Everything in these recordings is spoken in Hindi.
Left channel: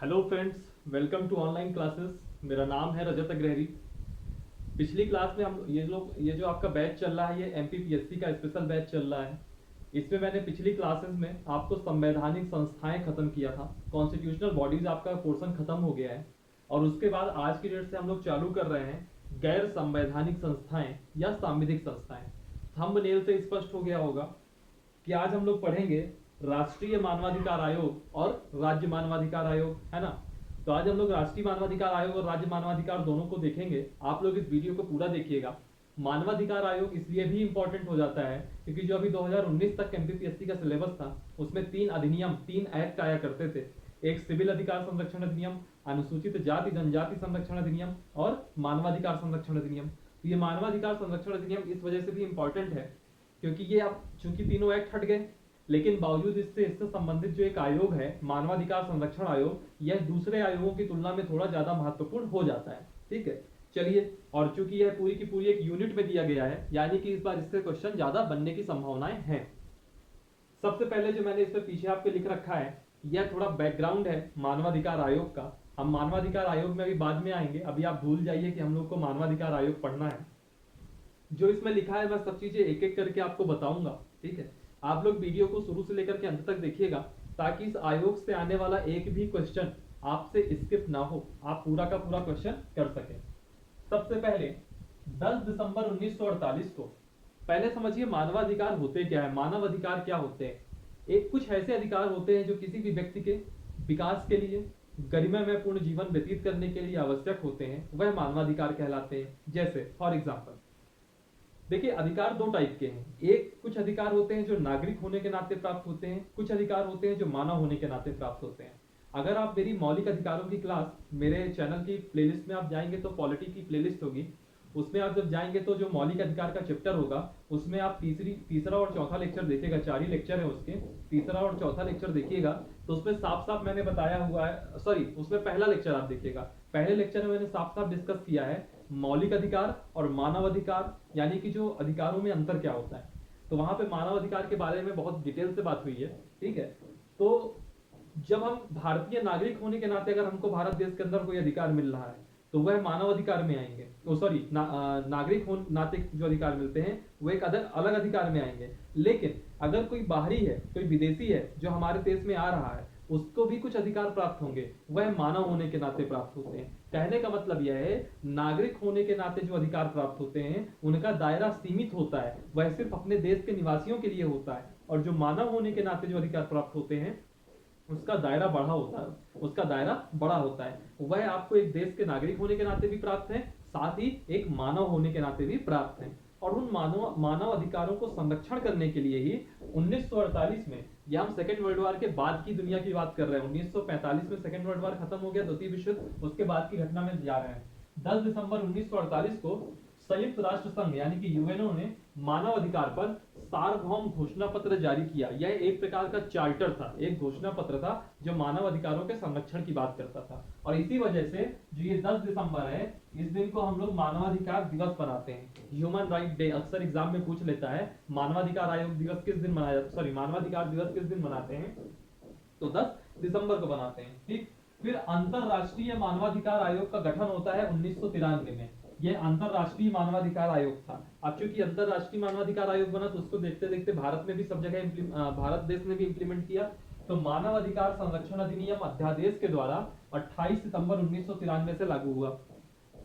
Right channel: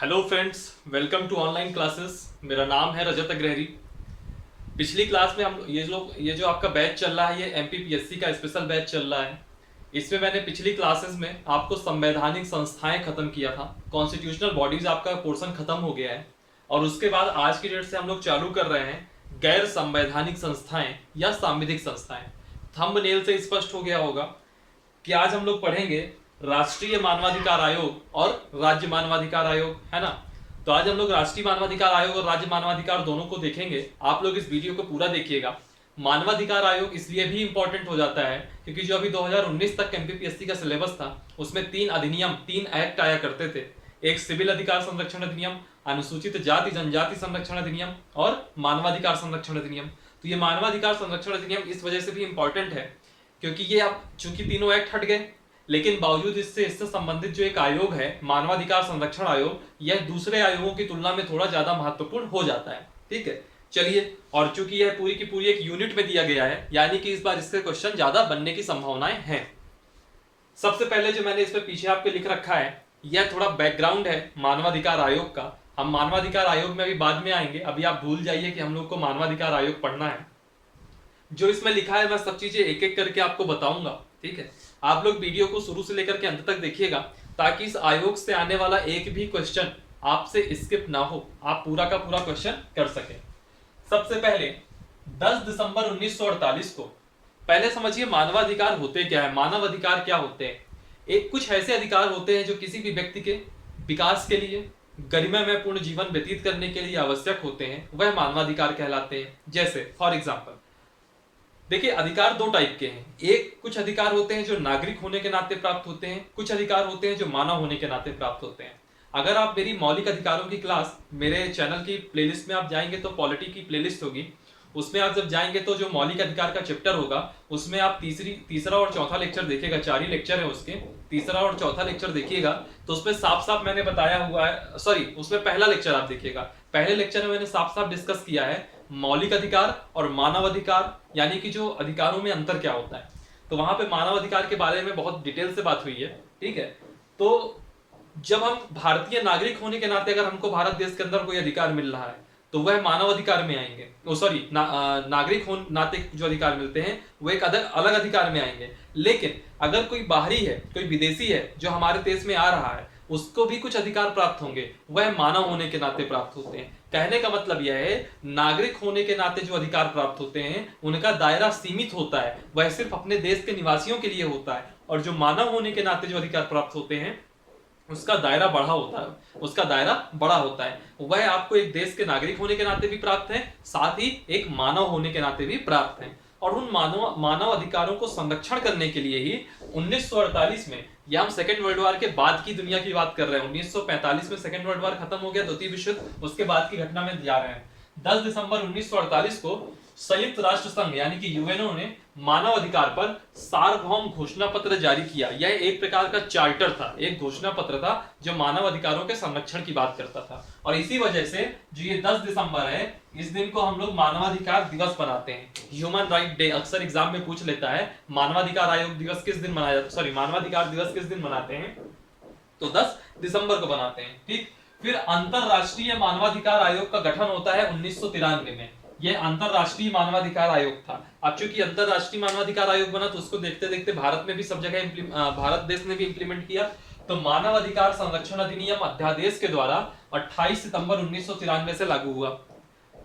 Hello friends, welcome to online classes. मेरा नाम है रजत अग्रहरी। पिछली क्लास में हम ये जो आपका बैच चल रहा है, ये एमपीपीएससी का स्पेशल बैच चल रहा है। इसमें मैंने पिछली क्लासेस में आपको संवैधानिक संस्थाएं खत्म किया था, कॉन्स्टिट्यूशनल बॉडीज आपका पोर्शन खत्म हो गया है। और उसके बाद आज की डेट से हम लोग चालू कर रहे हैं गैर संवैधानिक संस्थाएं या सांविधिक संस्थाएं। थंबनेल से स्पष्ट हो गया होगा कि आज हम लोग पढ़ेंगे राष्ट्रीय मानवाधिकार आयोग और राज्य मानवाधिकार आयोग, है ना। तो आज हम लोग राष्ट्रीय मानवाधिकार आयोग और राज्य मानवाधिकार दोनों को देखेंगे। आप लोग इस वीडियो को पूरा देखिएगा। मानवाधिकार आयोग इसलिए भी इंपॉर्टेंट हो जाता है क्योंकि जो अभी 2019 तक एमपीपीएससी का सिलेबस था, उसमें 3 अधिनियम 3 एक्ट आया करते थे। एक सिविल अधिकार संरक्षण अधिनियम, अनुसूचित जाति जनजाति संरक्षण अधिनियम और मानवाधिकार संरक्षण अधिनियम। तो ये मानवाधिकार संरक्षण अधिनियम इस वजह से भी इंपॉर्टेंट है क्योंकि ये अब चूंकि तीनों एक्ट हट गए, लेकिन बावजूद इससे संबंधित जो एक आयोग है मानवाधिकार संरक्षण आयोग, यह दूसरे आयोगों की तुलना में थोड़ा ज्यादा महत्वपूर्ण हो जाता है। ठीक है, चलिए। और चूंकि यह पूरी की पूरी एक यूनिट में दिया गया है, यानी कि इस बार इससे क्वेश्चन ज्यादा बनने की संभावनाएं हैं। सबसे पहले जो मैंने इस पर पीछे आपके लिख रखा है, यह थोड़ा बैकग्राउंड है मानवाधिकार आयोग का। हम मानवाधिकार आयोग में अभी बाद में आएंगे, अभी आप भूल जाइए कि हम लोग को मानवाधिकार आयोग पढ़ना है। जो इसमें लिखा है मैं सब चीजें एक एक करके आपको बताऊंगा। ठीक है, आप लोग वीडियो को शुरू से लेकर के अंत तक देखिएगा ताकि इस आयोग से आने वाला एक भी क्वेश्चन आपसे स्किप ना हो, आप पूरा का पूरा क्वेश्चन कर सके। सबसे पहले 10 दिसंबर 1948 को, पहले समझिए मानवाधिकार होते क्या है। मानव अधिकार क्या होते हैं? एक कुछ ऐसे अधिकार होते हैं जो किसी भी व्यक्ति के विकास के लिए, गरिमामय पूर्ण जीवन व्यतीत करने के लिए आवश्यक होते हैं, वह मानवाधिकार कहलाते हैं। जैसे फॉर एग्जाम्पल देखिए, अधिकार दो टाइप के हैं। एक कुछ अधिकार होते हैं जो नागरिक होने के नाते प्राप्त होते हैं, कुछ अधिकार होते हैं जो मानव होने के नाते प्राप्त होते हैं। अगर आप मेरी मौलिक अधिकारों की क्लास मेरे चैनल की प्लेलिस्ट में आप जाएंगे तो पॉलिटी की प्लेलिस्ट होगी, उसमें आप जब जाएंगे तो जो मौलिक अधिकार का चैप्टर होगा उसमें आप तीसरा और चौथा लेक्चर देखिएगा। 4 ही लेक्चर है उसके, तीसरा और चौथा लेक्चर देखिएगा तो उसमें साफ साफ मैंने बताया हुआ है, सॉरी उसमें पहला लेक्चर आप देखिएगा। पहले लेक्चर में मैंने साफ साफ डिस्कस किया है मौलिक अधिकार और मानव अधिकार, यानी कि जो अधिकारों में अंतर क्या होता है। तो वहां पे मानव अधिकार के बारे में बहुत डिटेल से बात हुई है। ठीक है, तो जब हम भारतीय नागरिक होने के नाते अगर हमको भारत देश के अंदर कोई अधिकार मिल रहा है तो वह मानव अधिकार में आएंगे। नागरिक होने नाते जो अधिकार मिलते हैं वो एक अलग अधिकार में आएंगे। लेकिन अगर कोई बाहरी है, कोई विदेशी है जो हमारे देश में आ रहा है, उसको भी कुछ अधिकार प्राप्त होंगे, वह मानव होने के नाते प्राप्त होते हैं। कहने का मतलब यह है, नागरिक होने के नाते जो अधिकार प्राप्त होते हैं उनका दायरा सीमित होता है, वह सिर्फ अपने देश के निवासियों के लिए होता है। और जो मानव होने के नाते जो अधिकार प्राप्त होते हैं उसका दायरा बड़ा होता है। वह आपको एक देश के नागरिक होने के नाते भी प्राप्त है, साथ ही एक मानव होने के नाते भी प्राप्त है। और उन मानव अधिकारों को संरक्षण करने के लिए ही 1948 में, या हम सेकेंड वर्ल्ड वॉर के बाद की दुनिया की बात कर रहे हैं, 1945 में सेकेंड वर्ल्ड वॉर खत्म हो गया, द्वितीय विश्व युद्ध, उसके बाद की घटना में जा रहे हैं। 10 दिसंबर 1948 को संयुक्त राष्ट्र संघ यानी कि यूएनओ ने मानव अधिकार पर सार्वभौम घोषणा पत्र जारी किया। यह एक प्रकार का चार्टर था, एक घोषणा पत्र था जो मानव अधिकारों के संरक्षण की बात करता था। और इसी वजह से जो ये 10 दिसंबर है, इस दिन को हम लोग मानवाधिकार दिवस बनाते हैं, ह्यूमन राइट डे। अक्सर एग्जाम में पूछ लेता है मानवाधिकार आयोग दिवस किस दिन मनाया जाता है, सॉरी मानवाधिकार दिवस किस दिन मनाते हैं, तो 10 दिसंबर को बनाते हैं। ठीक, फिर अंतरराष्ट्रीय मानवाधिकार आयोग का गठन होता है 1993 में। यह अंतरराष्ट्रीय मानवाधिकार आयोग था। अब चूंकि अंतरराष्ट्रीय मानवाधिकार आयोग बना तो उसको देखते देखते भारत में भी सब जगह भारत देश ने भी इंप्लीमेंट किया। तो मानव अधिकार संरक्षण अधिनियम अध्यादेश के द्वारा 28 सितंबर 1993 से लागू हुआ।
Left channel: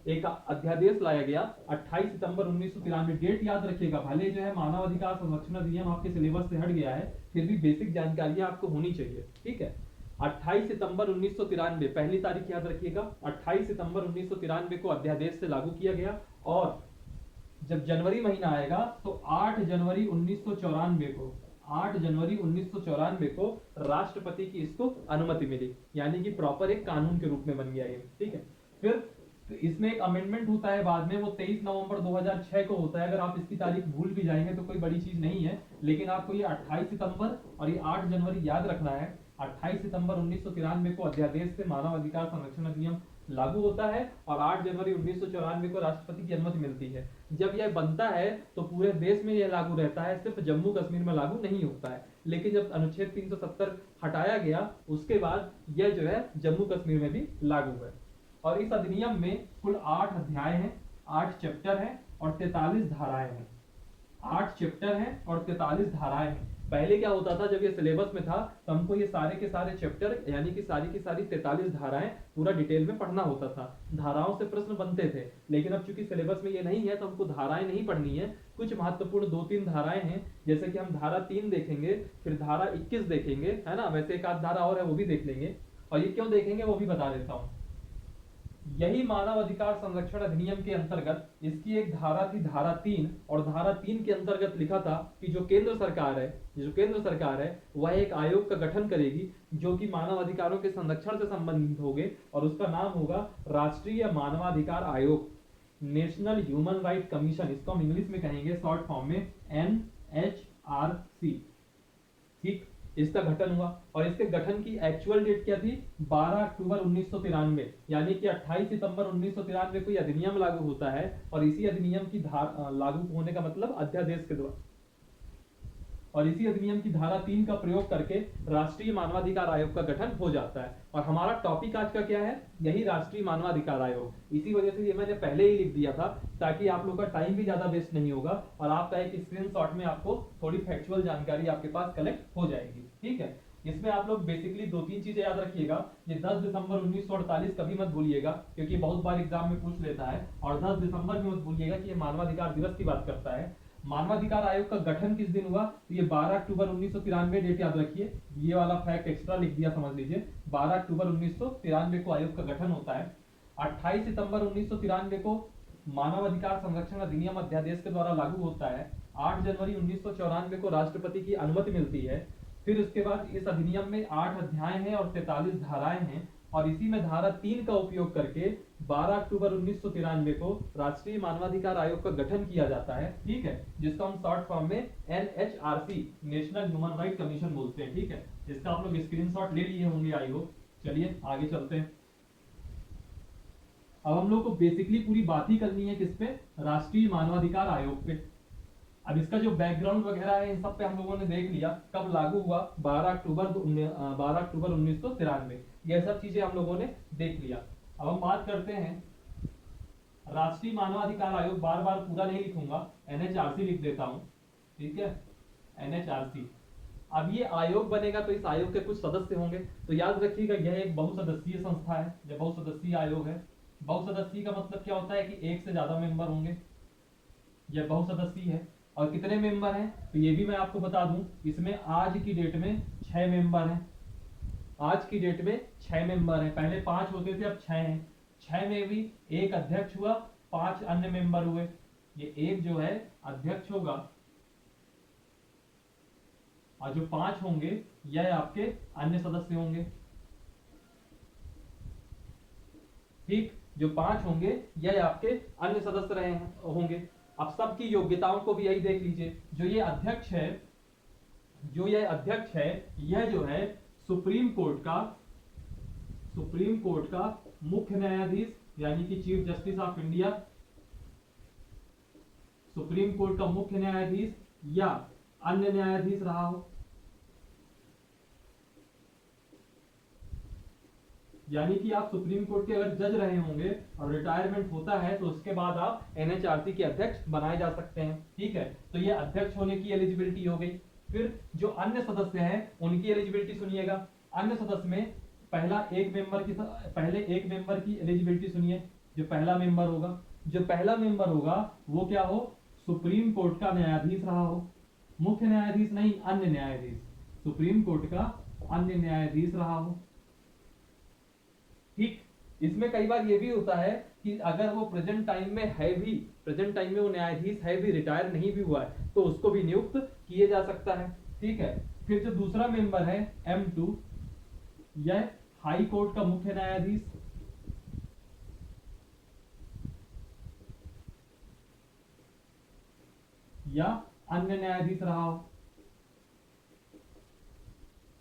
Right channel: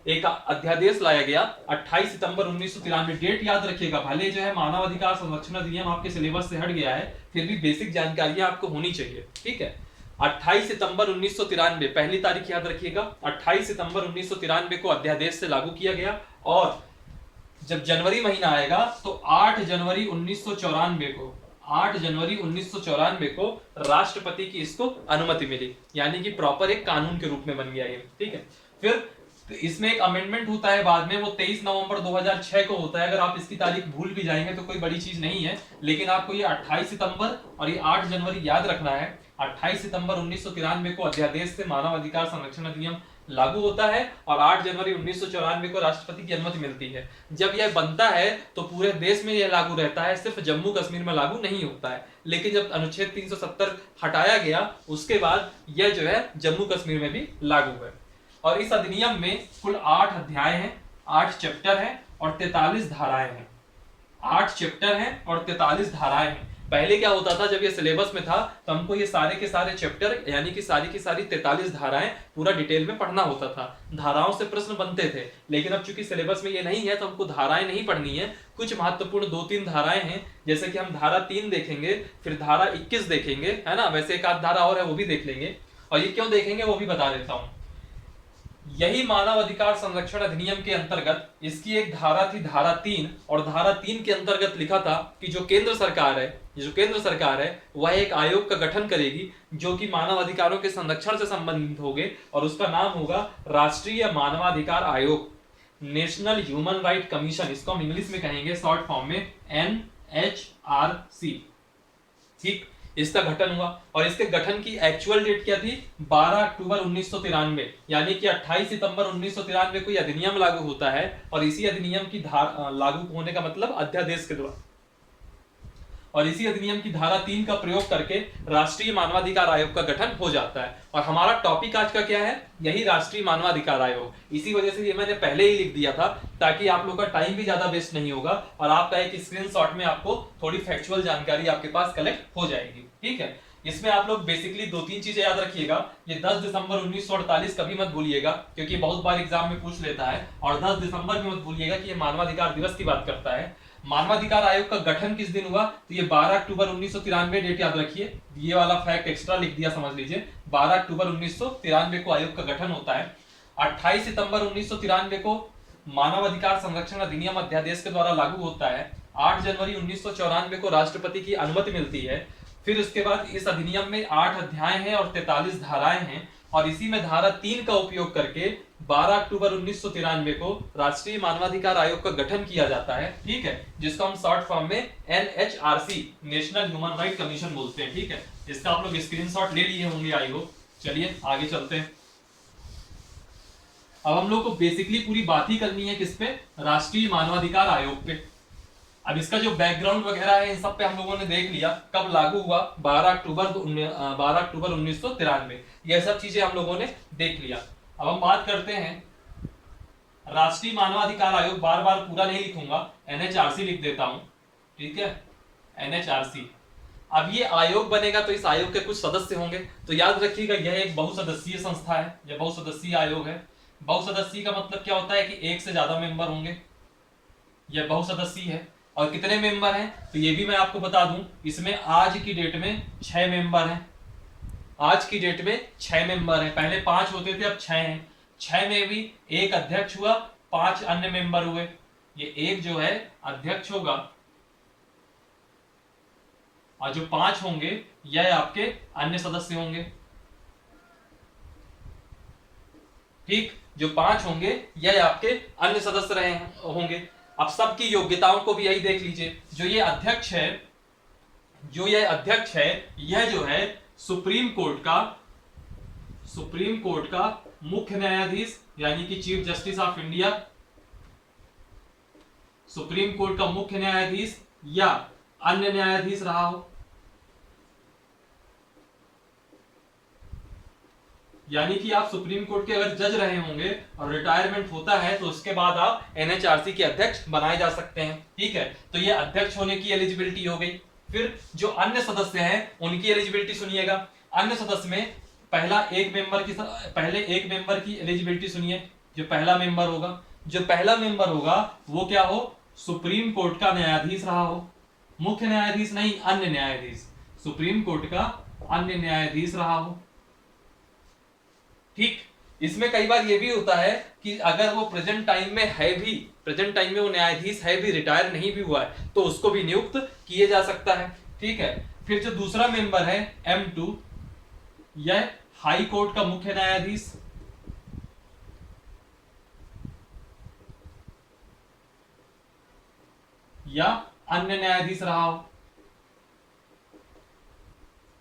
एक अध्यादेश लाया गया 28 सितंबर 1993। डेट याद रखिएगा, भले जो है मानव अधिकार संरक्षण अधिनियम आपके सिलेबस से हट गया है, फिर भी बेसिक जानकारियां आपको होनी चाहिए। ठीक है, 28 सितंबर 1993 पहली तारीख याद रखिएगा, 28 सितंबर 1993 को अध्यादेश से लागू किया गया। और जब जनवरी महीना आएगा तो 8 जनवरी 1994 को राष्ट्रपति की इसको अनुमति मिली, यानी कि प्रॉपर एक कानून के रूप में बन गया ये। ठीक है, फिर इसमें एक अमेंडमेंट होता है बाद में, वो 23 नवंबर 2006 को होता है। अगर आप इसकी तारीख भूल भी जाएंगे तो कोई बड़ी चीज नहीं है, लेकिन आपको ये 28 सितंबर और ये 8 जनवरी याद रखना है। 28 सितंबर 1993 को अध्यादेश से मानव अधिकार संरक्षण अधिनियम लागू होता है और 8 जनवरी 1994 को राष्ट्रपति की अनुमति मिलती है। जब यह बनता है तो पूरे देश में यह लागू रहता है, सिर्फ जम्मू कश्मीर में लागू नहीं होता है। लेकिन जब अनुच्छेद 370 हटाया गया उसके बाद यह जो है जम्मू कश्मीर में भी लागू है। और इस अधिनियम में कुल 8 अध्याय हैं, 8 चैप्टर हैं और 43 धाराएं हैं। 8 चैप्टर हैं और 43 धाराएं हैं। पहले क्या होता था, जब ये सिलेबस में था तो हमको ये सारे के सारे चैप्टर यानी कि सारी की सारी 43 धाराएं पूरा डिटेल में पढ़ना होता था, धाराओं से प्रश्न बनते थे। लेकिन अब चूंकि सिलेबस में ये नहीं है तो हमको धाराएं नहीं पढ़नी है, कुछ महत्वपूर्ण 2-3 धाराएं हैं, जैसे कि हम धारा 3 देखेंगे, फिर धारा 21 देखेंगे, है ना। वैसे एक आध धारा और है वो भी देख लेंगे, और ये क्यों देखेंगे वो भी बता देता हूँ। यही मानव अधिकार संरक्षण अधिनियम के अंतर्गत इसकी एक धारा थी, धारा 3, और धारा 3 के अंतर्गत लिखा था कि जो केंद्र सरकार है वह एक आयोग का गठन करेगी जो कि मानव अधिकारों के संरक्षण से संबंधित होंगे, और उसका नाम होगा राष्ट्रीय मानवाधिकार आयोग, नेशनल ह्यूमन राइट कमीशन। इसको हम इंग्लिश में कहेंगे शॉर्ट फॉर्म में NHRC। ठीक, इसका गठन हुआ, और इसके गठन की एक्चुअल डेट क्या थी, 12 अक्टूबर 1993, यानी कि 28 सितंबर 1993 को यह अधिनियम लागू होता है। और इसी अधिनियम की लागू होने का मतलब अध्यादेश के द्वारा, और इसी अधिनियम की धारा 3 का प्रयोग करके राष्ट्रीय मानवाधिकार आयोग का गठन हो जाता है। और हमारा टॉपिक आज का क्या है, यही राष्ट्रीय मानवाधिकार आयोग। इसी वजह से ये मैंने पहले ही लिख दिया था ताकि आप लोग का टाइम भी ज्यादा वेस्ट नहीं होगा, और आपका एक स्क्रीनशॉट में आपको थोड़ी फैक्चुअल जानकारी आपके पास कलेक्ट हो जाएगी। ठीक है, इसमें आप लोग बेसिकली 2-3 चीजें याद रखिएगा। ये 10 दिसंबर 1948 कभी मत भूलिएगा, क्योंकि बहुत बार एग्जाम में पूछ लेता है। और 10 दिसंबर में मत भूलिएगा कि ये मानवाधिकार दिवस की बात करता है। मानवाधिकार आयोग का गठन किस दिन हुआ, तो ये 12 अक्टूबर 1993, डेट याद रखिए, ये वाला फैक्ट एक्स्ट्रा लिख दिया, समझ लीजिए। 12 अक्टूबर 1993 को आयोग का गठन होता है। 28 सितंबर 1993 को मानवाधिकार संरक्षण अधिनियम अध्यादेश के द्वारा लागू होता है। 8 जनवरी 1994 को राष्ट्रपति की अनुमति मिलती है। फिर उसके बाद इस अधिनियम में 8 अध्याय हैं और 43 धाराएं हैं, और इसी में धारा 3 का उपयोग करके 12 अक्टूबर 1993 को राष्ट्रीय मानवाधिकार आयोग का गठन किया जाता है। ठीक है, जिसको हम शॉर्ट फॉर्म में NHRC, national human right commission बोलते हैं। ठीक है, इसका आप लोग स्क्रीनशॉट ले लिए होंगे आई होप। चलिए आगे चलते हैं। अब हम लोग को बेसिकली पूरी बात ही करनी है किस पे, राष्ट्रीय मानवाधिकार आयोग पे। अब इसका जो बैकग्राउंड वगैरह है इन सब पे हम लोगों ने देख लिया, कब लागू हुआ, 12 अक्टूबर 1993, यह सब चीजें हम लोगों ने देख लिया। अब हम बात करते हैं राष्ट्रीय मानवाधिकार आयोग। बार बार पूरा नहीं लिखूंगा, NHRC लिख देता हूं। ठीक है, NHRC। अब ये आयोग बनेगा तो इस आयोग के कुछ सदस्य होंगे, तो याद रखिएगा यह एक बहुसदस्यीय संस्था है, यह बहुसदस्यीय आयोग है। बहुसदस्यीय का मतलब क्या होता है कि एक से ज्यादा मेंबर होंगे, यह बहुसदस्यीय है। और कितने मेंबर हैं, तो ये भी मैं आपको बता दूं, इसमें आज की डेट में 6 मेंबर हैं। आज की डेट में 6 मेंबर हैं, पहले 5 होते थे, अब 6 हैं। 6 में भी एक अध्यक्ष हुआ, 5 अन्य मेंबर हुए। ये एक जो है अध्यक्ष होगा, और जो 5 होंगे यह आपके अन्य सदस्य होंगे। ठीक, जो 5 होंगे यह आपके अन्य सदस्य रहे होंगे। अब सबकी योग्यताओं को भी यही देख लीजिए। जो ये अध्यक्ष है, यह जो है सुप्रीम कोर्ट का मुख्य न्यायाधीश, यानी कि chief justice of India, supreme court का मुख्य न्यायाधीश या अन्य न्यायाधीश रहा हो। यानी कि आप सुप्रीम कोर्ट के अगर जज रहे होंगे और रिटायरमेंट होता है तो उसके बाद आप NHRC के अध्यक्ष बनाए जा सकते हैं। ठीक है, तो ये अध्यक्ष होने की एलिजिबिलिटी हो गई। फिर जो अन्य सदस्य हैं उनकी एलिजिबिलिटी सुनिएगा। अन्य सदस्य में पहले एक मेंबर की एलिजिबिलिटी सुनिए। जो पहला मेंबर होगा वो क्या हो, सुप्रीम कोर्ट का न्यायाधीश रहा हो, मुख्य न्यायाधीश नहीं, अन्य न्यायाधीश, सुप्रीम कोर्ट का अन्य न्यायाधीश रहा हो। ठीक, इसमें कई बार ये भी होता है कि अगर वो प्रेजेंट टाइम में वो न्यायाधीश है भी, रिटायर नहीं भी हुआ है, तो उसको भी नियुक्त किए जा सकता है। ठीक है, फिर जो दूसरा मेंबर है M2, यह हाई कोर्ट का मुख्य न्यायाधीश, या अन्य न्यायाधीश रहा हो।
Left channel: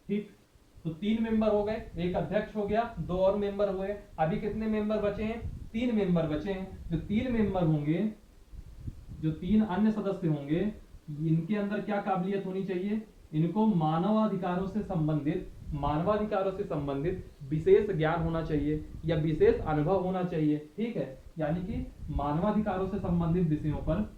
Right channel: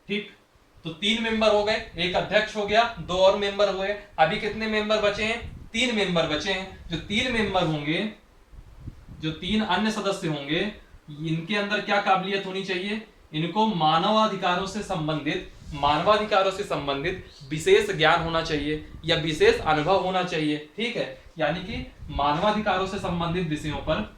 ठीक, तो 3 मेंबर हो गए, एक अध्यक्ष हो गया, 2 और मेंबर हुए। अभी कितने मेंबर बचे हैं, 3 मेंबर बचे हैं। जो 3 मेंबर होंगे, जो 3 अन्य सदस्य होंगे, इनके अंदर क्या काबिलियत होनी चाहिए, इनको मानवाधिकारों से संबंधित विशेष ज्ञान होना चाहिए या विशेष अनुभव होना चाहिए, ठीक है। यानी कि मानवाधिकारों से संबंधित विषयों पर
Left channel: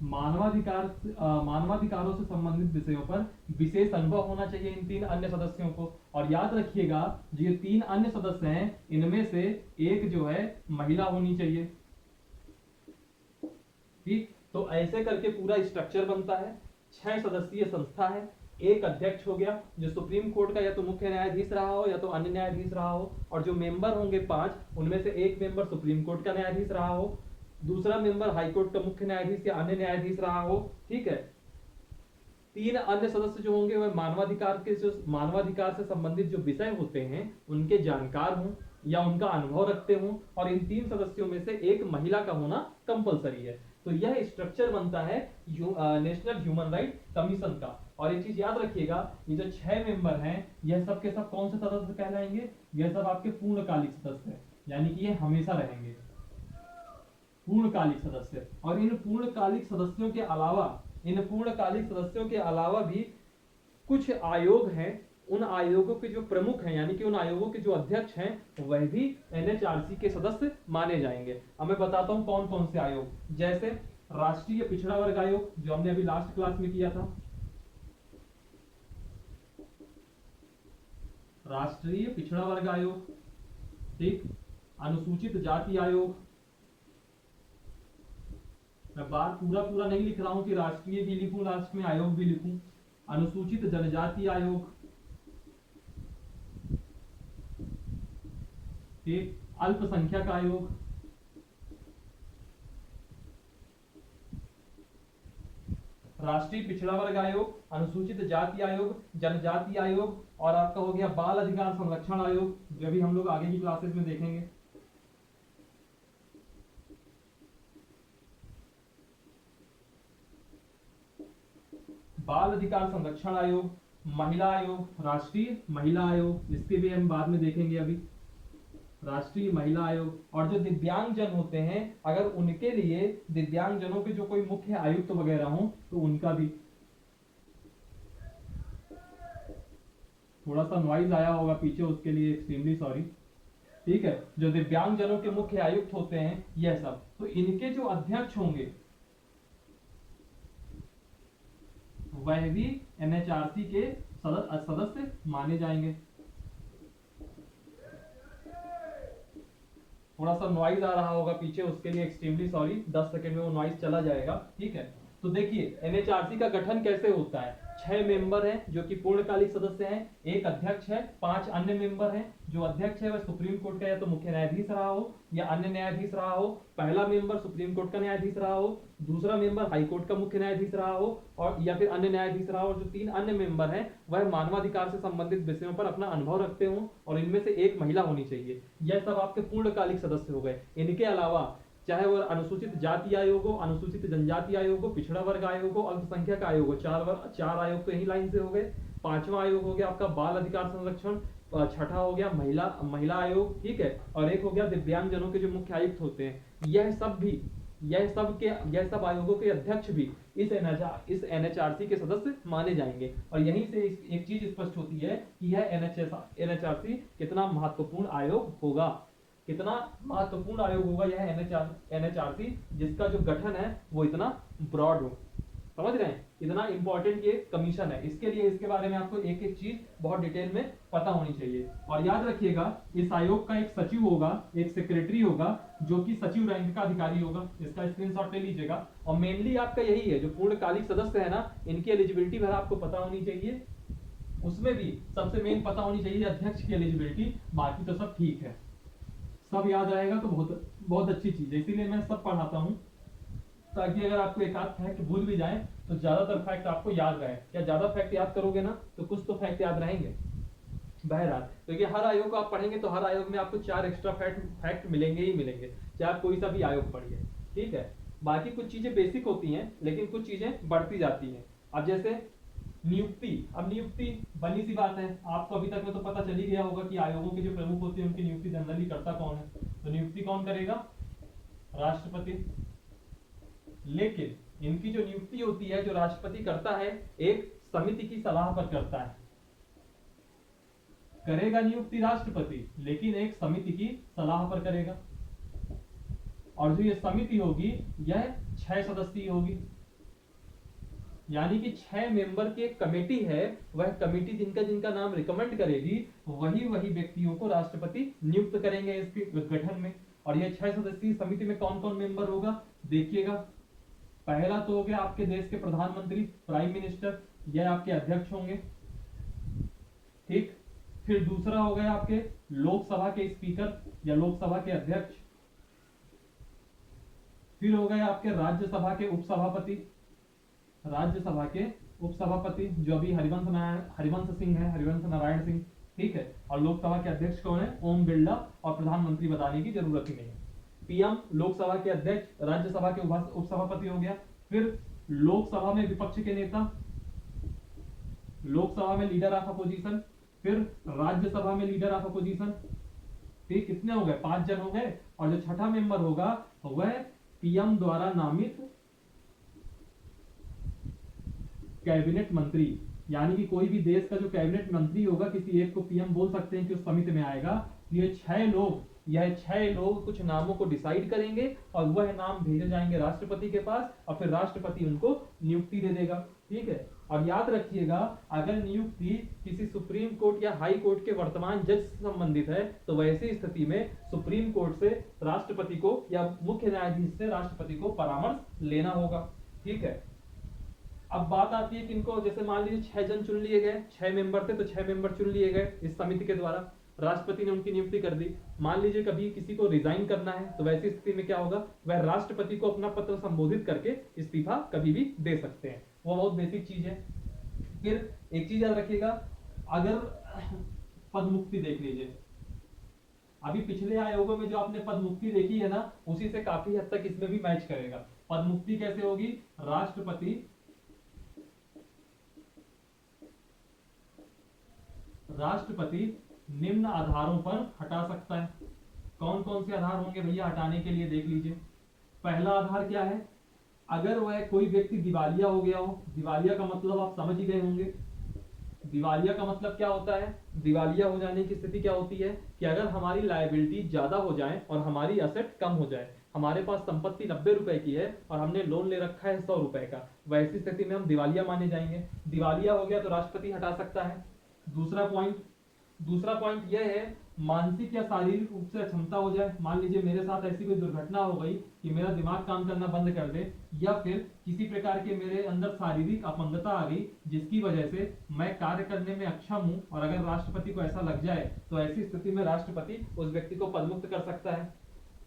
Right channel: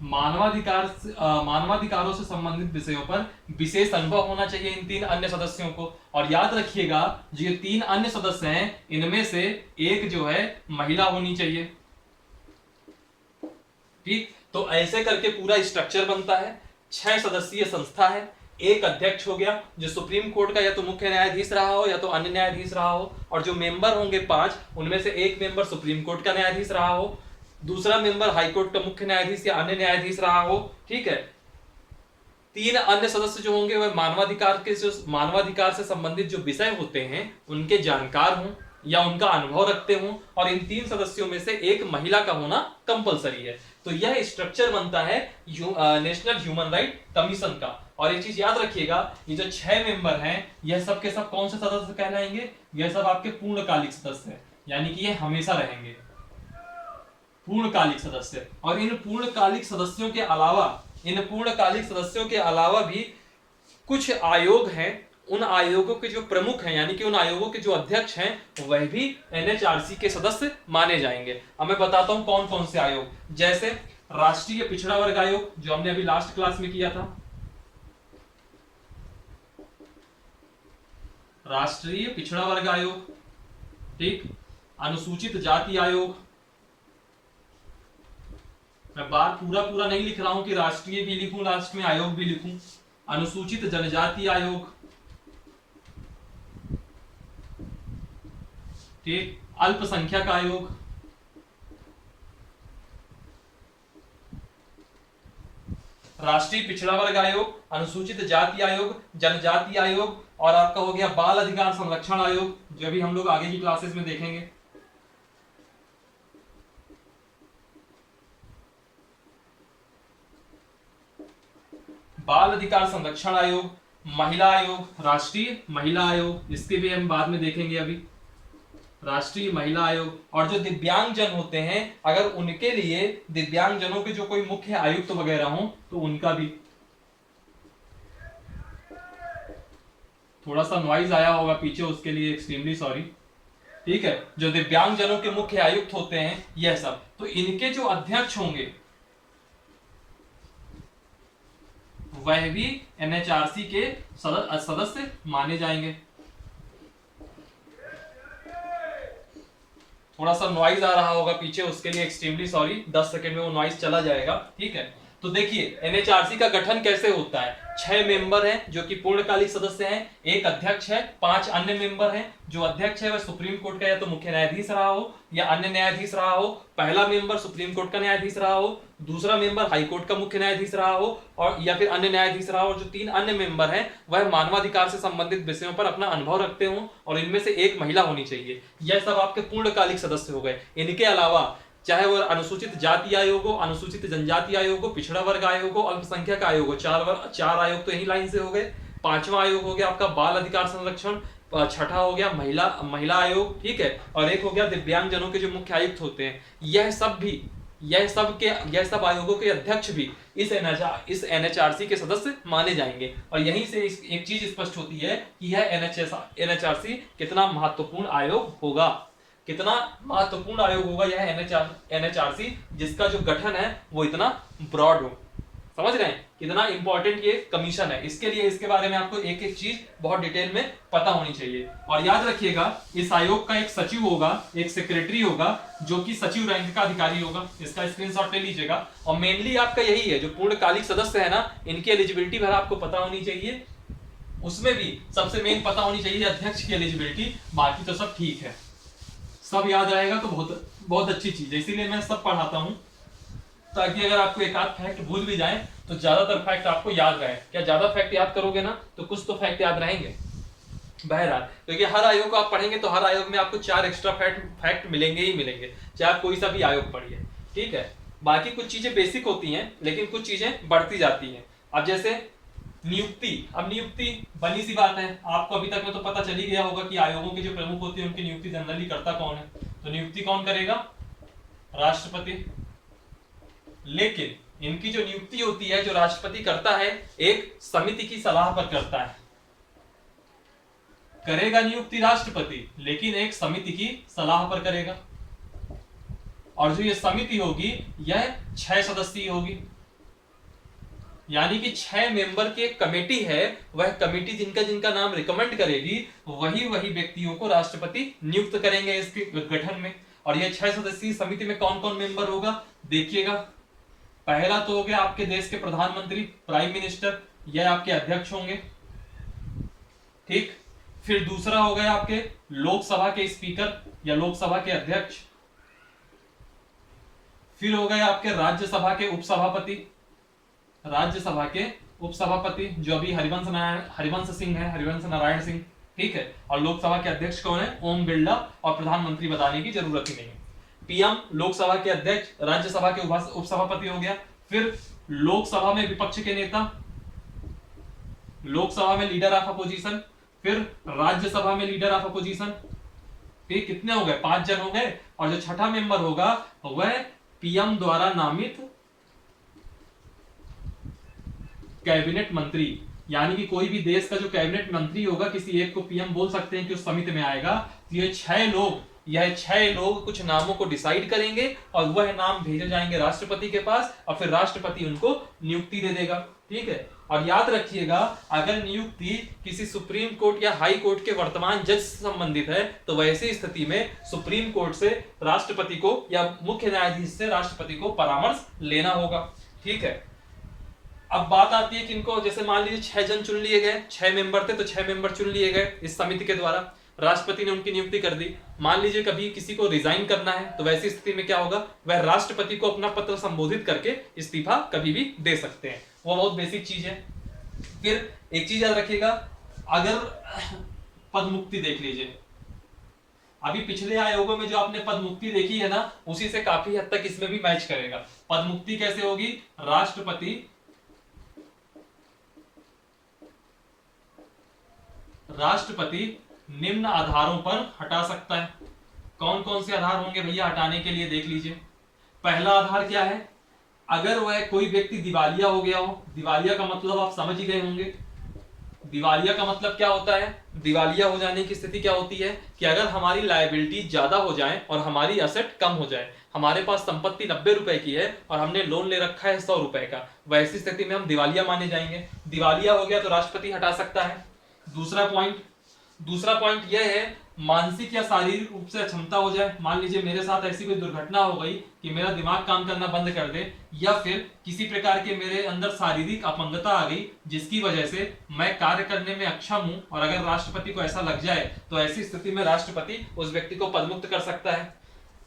मानवाधिकारों से संबंधित विषयों पर विशेष अनुभव होना चाहिए इन 3 अन्य सदस्यों को। और याद रखिएगा जो ये 3 अन्य सदस्य हैं इनमें से एक जो है महिला होनी चाहिए, ठीक। तो ऐसे करके पूरा स्ट्रक्चर बनता है। 6 सदस्यीय संस्था है, एक अध्यक्ष हो गया जो सुप्रीम कोर्ट का या तो मुख्य न्यायाधीश रहा हो या तो अन्य न्यायाधीश रहा हो, और जो मेंबर होंगे 5 उनमें से एक मेंबर सुप्रीम कोर्ट का न्यायाधीश रहा हो, दूसरा मेंबर हाई कोर्ट का मुख्य न्यायाधीश या अन्य न्यायाधीश रहा हो, ठीक है। 3 अन्य सदस्य जो होंगे वह मानवाधिकार से संबंधित जो विषय होते हैं उनके जानकार हों या उनका अनुभव रखते हों, और इन 3 सदस्यों में से एक महिला का होना कंपलसरी है। तो यह स्ट्रक्चर बनता है नेशनल ह्यूमन राइट कमीशन का। और एक चीज याद रखिएगा, ये जो 6 मेंबर हैं यह सब के सब कौन से सदस्य कहलाएंगे? यह सब आपके पूर्णकालिक सदस्य हैं, यानी कि ये हमेशा रहेंगे पूर्णकालिक सदस्य। और इन पूर्णकालिक सदस्यों के अलावा भी कुछ आयोग हैं, उन आयोगों के जो प्रमुख हैं यानी कि उन आयोगों के जो अध्यक्ष हैं वह भी एनएचआरसी के सदस्य माने जाएंगे। अब मैं बताता हूं कौन कौन से आयोग, जैसे राष्ट्रीय पिछड़ा वर्ग आयोग जो हमने अभी लास्ट क्लास में किया था, राष्ट्रीय पिछड़ा वर्ग आयोग, ठीक। अनुसूचित जाति आयोग, मैं बात पूरा नहीं लिख रहा हूं कि राष्ट्रीय भी लिखूं लास्ट में आयोग भी लिखूं। अनुसूचित जनजाति आयोग, ठीक। अल्पसंख्यक आयोग, राष्ट्रीय पिछड़ा वर्ग आयोग, अनुसूचित जाति आयोग, जनजाति आयोग, और आपका हो गया बाल अधिकार संरक्षण आयोग जो भी हम लोग आगे की क्लासेस में देखेंगे। बाल अधिकार संरक्षण आयोग, महिला आयोग, राष्ट्रीय महिला आयोग, इसके भी हम बाद में देखेंगे अभी, राष्ट्रीय महिला आयोग। और जो दिव्यांगजन होते हैं अगर उनके लिए दिव्यांगजनों के जो कोई मुख्य आयुक्त वगैरह हो तो उनका भी, थोड़ा सा नॉइज आया होगा पीछे उसके लिए एक्सट्रीमली सॉरी, ठीक है। जो दिव्यांगजनों के मुख्य आयुक्त होते हैं यह सब, तो इनके जो अध्यक्ष होंगे वह भी एनएचआरसी के सदस्य माने जाएंगे। थोड़ा सा नॉइज आ रहा होगा पीछे उसके लिए एक्सट्रीमली सॉरी, 10 सेकंड में वो नॉइज चला जाएगा, ठीक है। तो देखिए एनएचआरसी का गठन कैसे होता है। 6 मेंबर हैं जो कि पूर्णकालिक सदस्य हैं, एक अध्यक्ष है, 5 अन्य मेंबर हैं। जो अध्यक्ष है वह सुप्रीम कोर्ट का या तो मुख्य न्यायाधीश रहा हो या अन्य न्यायाधीश रहा हो, पहला मेंबर सुप्रीम कोर्ट का न्यायाधीश रहा हो, दूसरा मेंबर हाई कोर्ट का मुख्य न्यायाधीश रहा हो और या फिर अन्य न्यायाधीश रहा हो। जो 3 अन्य मेंबर हैं वह मानवाधिकार से संबंधित विषयों पर अपना अनुभव रखते हों और इनमें से एक महिला होनी चाहिए। यह सब आपके पूर्णकालिक सदस्य हो गए। इनके अलावा चाहे वह अनुसूचित जाति आयोग हो, अनुसूचित जनजाति आयोग हो, पिछड़ा वर्ग आयोग हो, अल्पसंख्यक आयोग हो, 4 आयोग तो यही लाइन से हो गए। 5वां आयोग हो गया आपका बाल अधिकार संरक्षण, 6ठा हो गया महिला आयोग, ठीक है, और एक हो गया दिव्यांगजनों के जो मुख्य आयुक्त होते हैं। यह सब आयोगों के अध्यक्ष भी इस एनएचआरसी के सदस्य माने जाएंगे। और यहीं से एक चीज स्पष्ट होती है कि यह एनएचआरसी कितना महत्वपूर्ण आयोग होगा, कितना महत्वपूर्ण आयोग होगा यह एनएचआरसी, जिसका जो गठन है वो इतना ब्रॉड हो। समझ रहे हैं कितना इंपॉर्टेंट ये कमीशन है। इसके लिए इसके बारे में आपको एक एक चीज बहुत डिटेल में पता होनी चाहिए। और याद रखिएगा इस आयोग का एक सचिव होगा, एक सेक्रेटरी होगा जो कि सचिव रैंक का अधिकारी होगा। इसका स्क्रीनशॉट ले लीजिएगा। और मेनली आपका यही है, जो पूर्णकालिक सदस्य है ना, इनकी एलिजिबिलिटी भर आपको पता होनी चाहिए। उसमें भी सबसे मेन पता होनी चाहिए अध्यक्ष की एलिजिबिलिटी, बाकी तो सब ठीक है, सब याद रहेगा तो बहुत अच्छी चीज है। इसीलिए मैं सब पढ़ाता हूं ताकि अगर आपको एक आध फैक्ट भूल भी जाए तो ज्यादातर फैक्ट आपको याद रहे। क्या ज्यादा फैक्ट याद करोगे ना तो कुछ तो फैक्ट याद रहेंगे। बहरहाल क्योंकि हर आयोग को आप पढ़ेंगे तो हर आयोग में आपको 4 एक्स्ट्रा फैक्ट मिलेंगे ही मिलेंगे, चाहे आप कोई सा भी आयोग पढ़िए, ठीक है। बाकी कुछ चीजें बेसिक होती हैं लेकिन कुछ चीजें बढ़ती जाती हैं। अब जैसे नियुक्ति। अब नियुक्ति बनी सी बात है, आपको अभी तक में तो पता चल ही गया होगा कि आयोगों के जो प्रमुख होते हैं उनकी नियुक्ति जनरली करता कौन है। तो नियुक्ति कौन करेगा? राष्ट्रपति। लेकिन इनकी जो नियुक्ति होती है जो राष्ट्रपति करता है, एक समिति की सलाह पर करता है। करेगा नियुक्ति राष्ट्रपति, लेकिन एक समिति की सलाह पर करेगा। और जो ये समिति होगी यह 6 सदस्यीय होगी, यानी कि 6 मेंबर की एक कमेटी है। वह कमेटी जिनका जिनका नाम रिकमेंड करेगी वही वही व्यक्तियों को राष्ट्रपति नियुक्त करेंगे इसके गठन में। और यह 6 सदस्यीय समिति में कौन कौन मेंबर होगा देखिएगा। पहला तो हो गया आपके देश के प्रधानमंत्री, प्राइम मिनिस्टर, यह आपके अध्यक्ष होंगे, ठीक। फिर दूसरा हो गया आपके लोकसभा के स्पीकर या लोकसभा के अध्यक्ष। फिर हो गए आपके राज्यसभा के उपसभापति, राज्यसभा के उपसभापति जो अभी हरिवंश सिंह है, हरिवंश नारायण सिंह, ठीक है। और लोकसभा के अध्यक्ष कौन है? ओम बिरला। और प्रधानमंत्री बताने की जरूरत ही नहीं है। पीएम लोकसभा के अध्यक्ष, राज्यसभा के उपसभापति हो गया। फिर लोकसभा में विपक्ष के नेता, लोकसभा में लीडर ऑफ अपोजिशन, फिर राज्यसभा में लीडर ऑफ अपोजिशन, ठीक। कितने हो गए? 5 जन हो गए। और जो छठा मेंबर होगा वह पीएम द्वारा नामित कैबिनेट मंत्री, यानी कि कोई भी देश का जो कैबिनेट मंत्री होगा किसी एक को पीएम बोल सकते हैं कि उस समिति में आएगा। तो ये 6 लोग कुछ नामों को डिसाइड करेंगे और वह नाम भेजे जाएंगे राष्ट्रपति के पास और फिर राष्ट्रपति उनको नियुक्ति दे देगा, ठीक है। और याद रखिएगा, अगर नियुक्ति किसी सुप्रीम कोर्ट या हाई कोर्ट के वर्तमान जज से संबंधित है तो वैसी स्थिति में सुप्रीम कोर्ट से राष्ट्रपति को या मुख्य न्यायाधीश से राष्ट्रपति को परामर्श लेना होगा, ठीक है। अब बात आती है कि इनको, जैसे मान लीजिए 6 जन चुन लिए गए, 6 मेंबर थे तो 6 मेंबर चुन लिए गए इस समिति के द्वारा, राष्ट्रपति ने उनकी नियुक्ति कर दी। मान लीजिए कभी किसी को रिजाइन करना है तो वैसी स्थिति में क्या होगा? वह राष्ट्रपति को अपना पत्र संबोधित करके इस्तीफा कभी भी दे सकते हैं। वो बहुत बेसिक चीज है। फिर एक चीज याद रखिएगा, अगर पद मुक्ति देख लीजिए, अभी पिछले आयोगों में जो आपने पद मुक्ति देखी है ना, उसी से काफी हद तक इसमें भी मैच करेगा। पद मुक्ति कैसे होगी? राष्ट्रपति निम्न आधारों पर हटा सकता है। कौन कौन से आधार होंगे भैया हटाने के लिए? देख लीजिए। पहला आधार क्या है? अगर वह कोई व्यक्ति दिवालिया हो गया हो। दिवालिया का मतलब आप समझ ही गए होंगे। दिवालिया का मतलब क्या होता है? दिवालिया हो जाने की स्थिति क्या होती है कि अगर हमारी लायबिलिटी ज्यादा हो जाए और हमारी असेट कम हो जाए। हमारे पास संपत्ति 90 रुपए की है और हमने लोन ले रखा है 100 रुपए का, वैसी स्थिति में हम दिवालिया माने जाएंगे। दिवालिया हो गया तो राष्ट्रपति हटा सकता है। दूसरा पॉइंट यह है, मानसिक या शारीरिक रूप से अक्षमता हो जाए। मान लीजिए मेरे साथ ऐसी कोई दुर्घटना हो गई कि मेरा दिमाग काम करना बंद कर दे, या फिर किसी प्रकार के मेरे अंदर शारीरिक अपंगता आ गई जिसकी वजह से मैं कार्य करने में अक्षम हूं, और अगर राष्ट्रपति को ऐसा लग जाए तो ऐसी स्थिति में राष्ट्रपति उस व्यक्ति को पदमुक्त कर सकता है।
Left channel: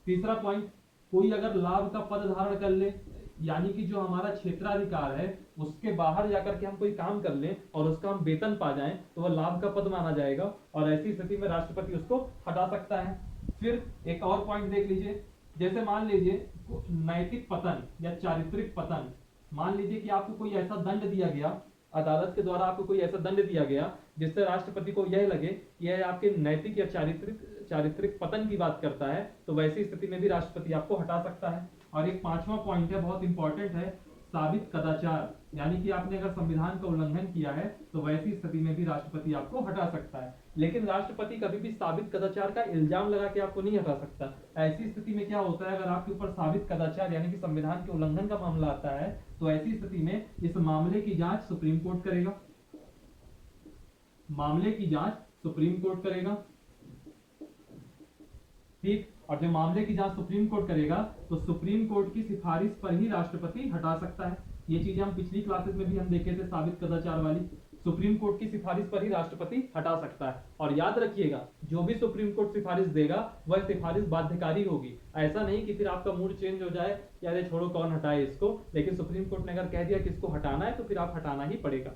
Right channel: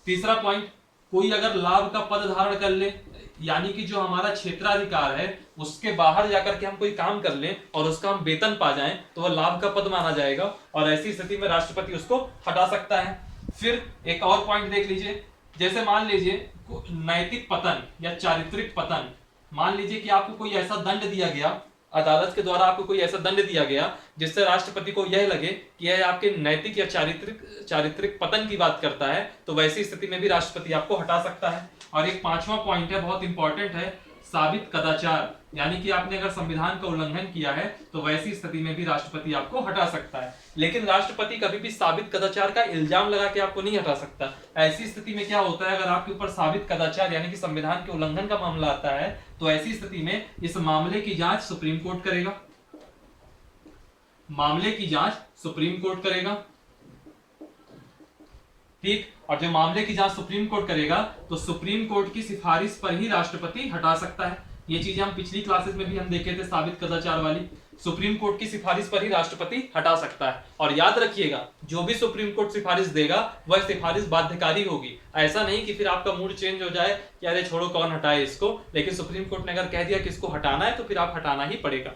तीसरा पॉइंट, कोई अगर लाभ का पद धारण कर ले, यानी कि जो हमारा क्षेत्राधिकार है उसके बाहर जाकर के हम कोई काम कर लें और उसका हम वेतन पा जाएं तो वह लाभ का पद माना जाएगा, और ऐसी स्थिति में राष्ट्रपति उसको हटा सकता है। फिर एक और पॉइंट देख लीजिए, जैसे मान लीजिए नैतिक पतन या चारित्रिक पतन। मान लीजिए कि आपको कोई ऐसा दंड दिया गया, अदालत के द्वारा आपको कोई ऐसा दंड दिया गया जिससे राष्ट्रपति को यह लगे कि यह आपके नैतिक या चारित्रिक पतन की बात करता है, तो वैसी स्थिति में भी राष्ट्रपति आपको हटा सकता है। और एक 5वां पॉइंट है, बहुत इंपॉर्टेंट है, साबित कदाचार। यानी कि आपने अगर संविधान का उल्लंघन किया है तो वैसी स्थिति में भी राष्ट्रपति आपको हटा सकता है। लेकिन राष्ट्रपति कभी भी साबित कदाचार का इल्जाम लगा के आपको नहीं हटा सकता। ऐसी स्थिति में क्या होता है, अगर आपके ऊपर साबित कदाचार यानी कि संविधान के उल्लंघन का मामला आता है तो ऐसी स्थिति में इस मामले की जांच सुप्रीम कोर्ट करेगा। मामले की जांच सुप्रीम कोर्ट करेगा, ठीक। और जब मामले की जांच सुप्रीम कोर्ट करेगा तो सुप्रीम कोर्ट की सिफारिश पर ही राष्ट्रपति हटा सकता है। ये चीजें हम पिछली क्लासेस में भी हम देखे थे, साबित कदाचार वाली। सुप्रीम कोर्ट की सिफारिश पर ही राष्ट्रपति हटा सकता है। और याद रखिएगा, जो भी सुप्रीम कोर्ट सिफारिश देगा वह सिफारिश बाध्यकारी होगी। ऐसा नहीं कि फिर आपका मूड चेंज हो जाए कि अरे छोड़ो कौन हटाए इसको, लेकिन सुप्रीम कोर्ट ने अगर कह दिया कि इसको हटाना है तो फिर आप हटाना ही पड़ेगा।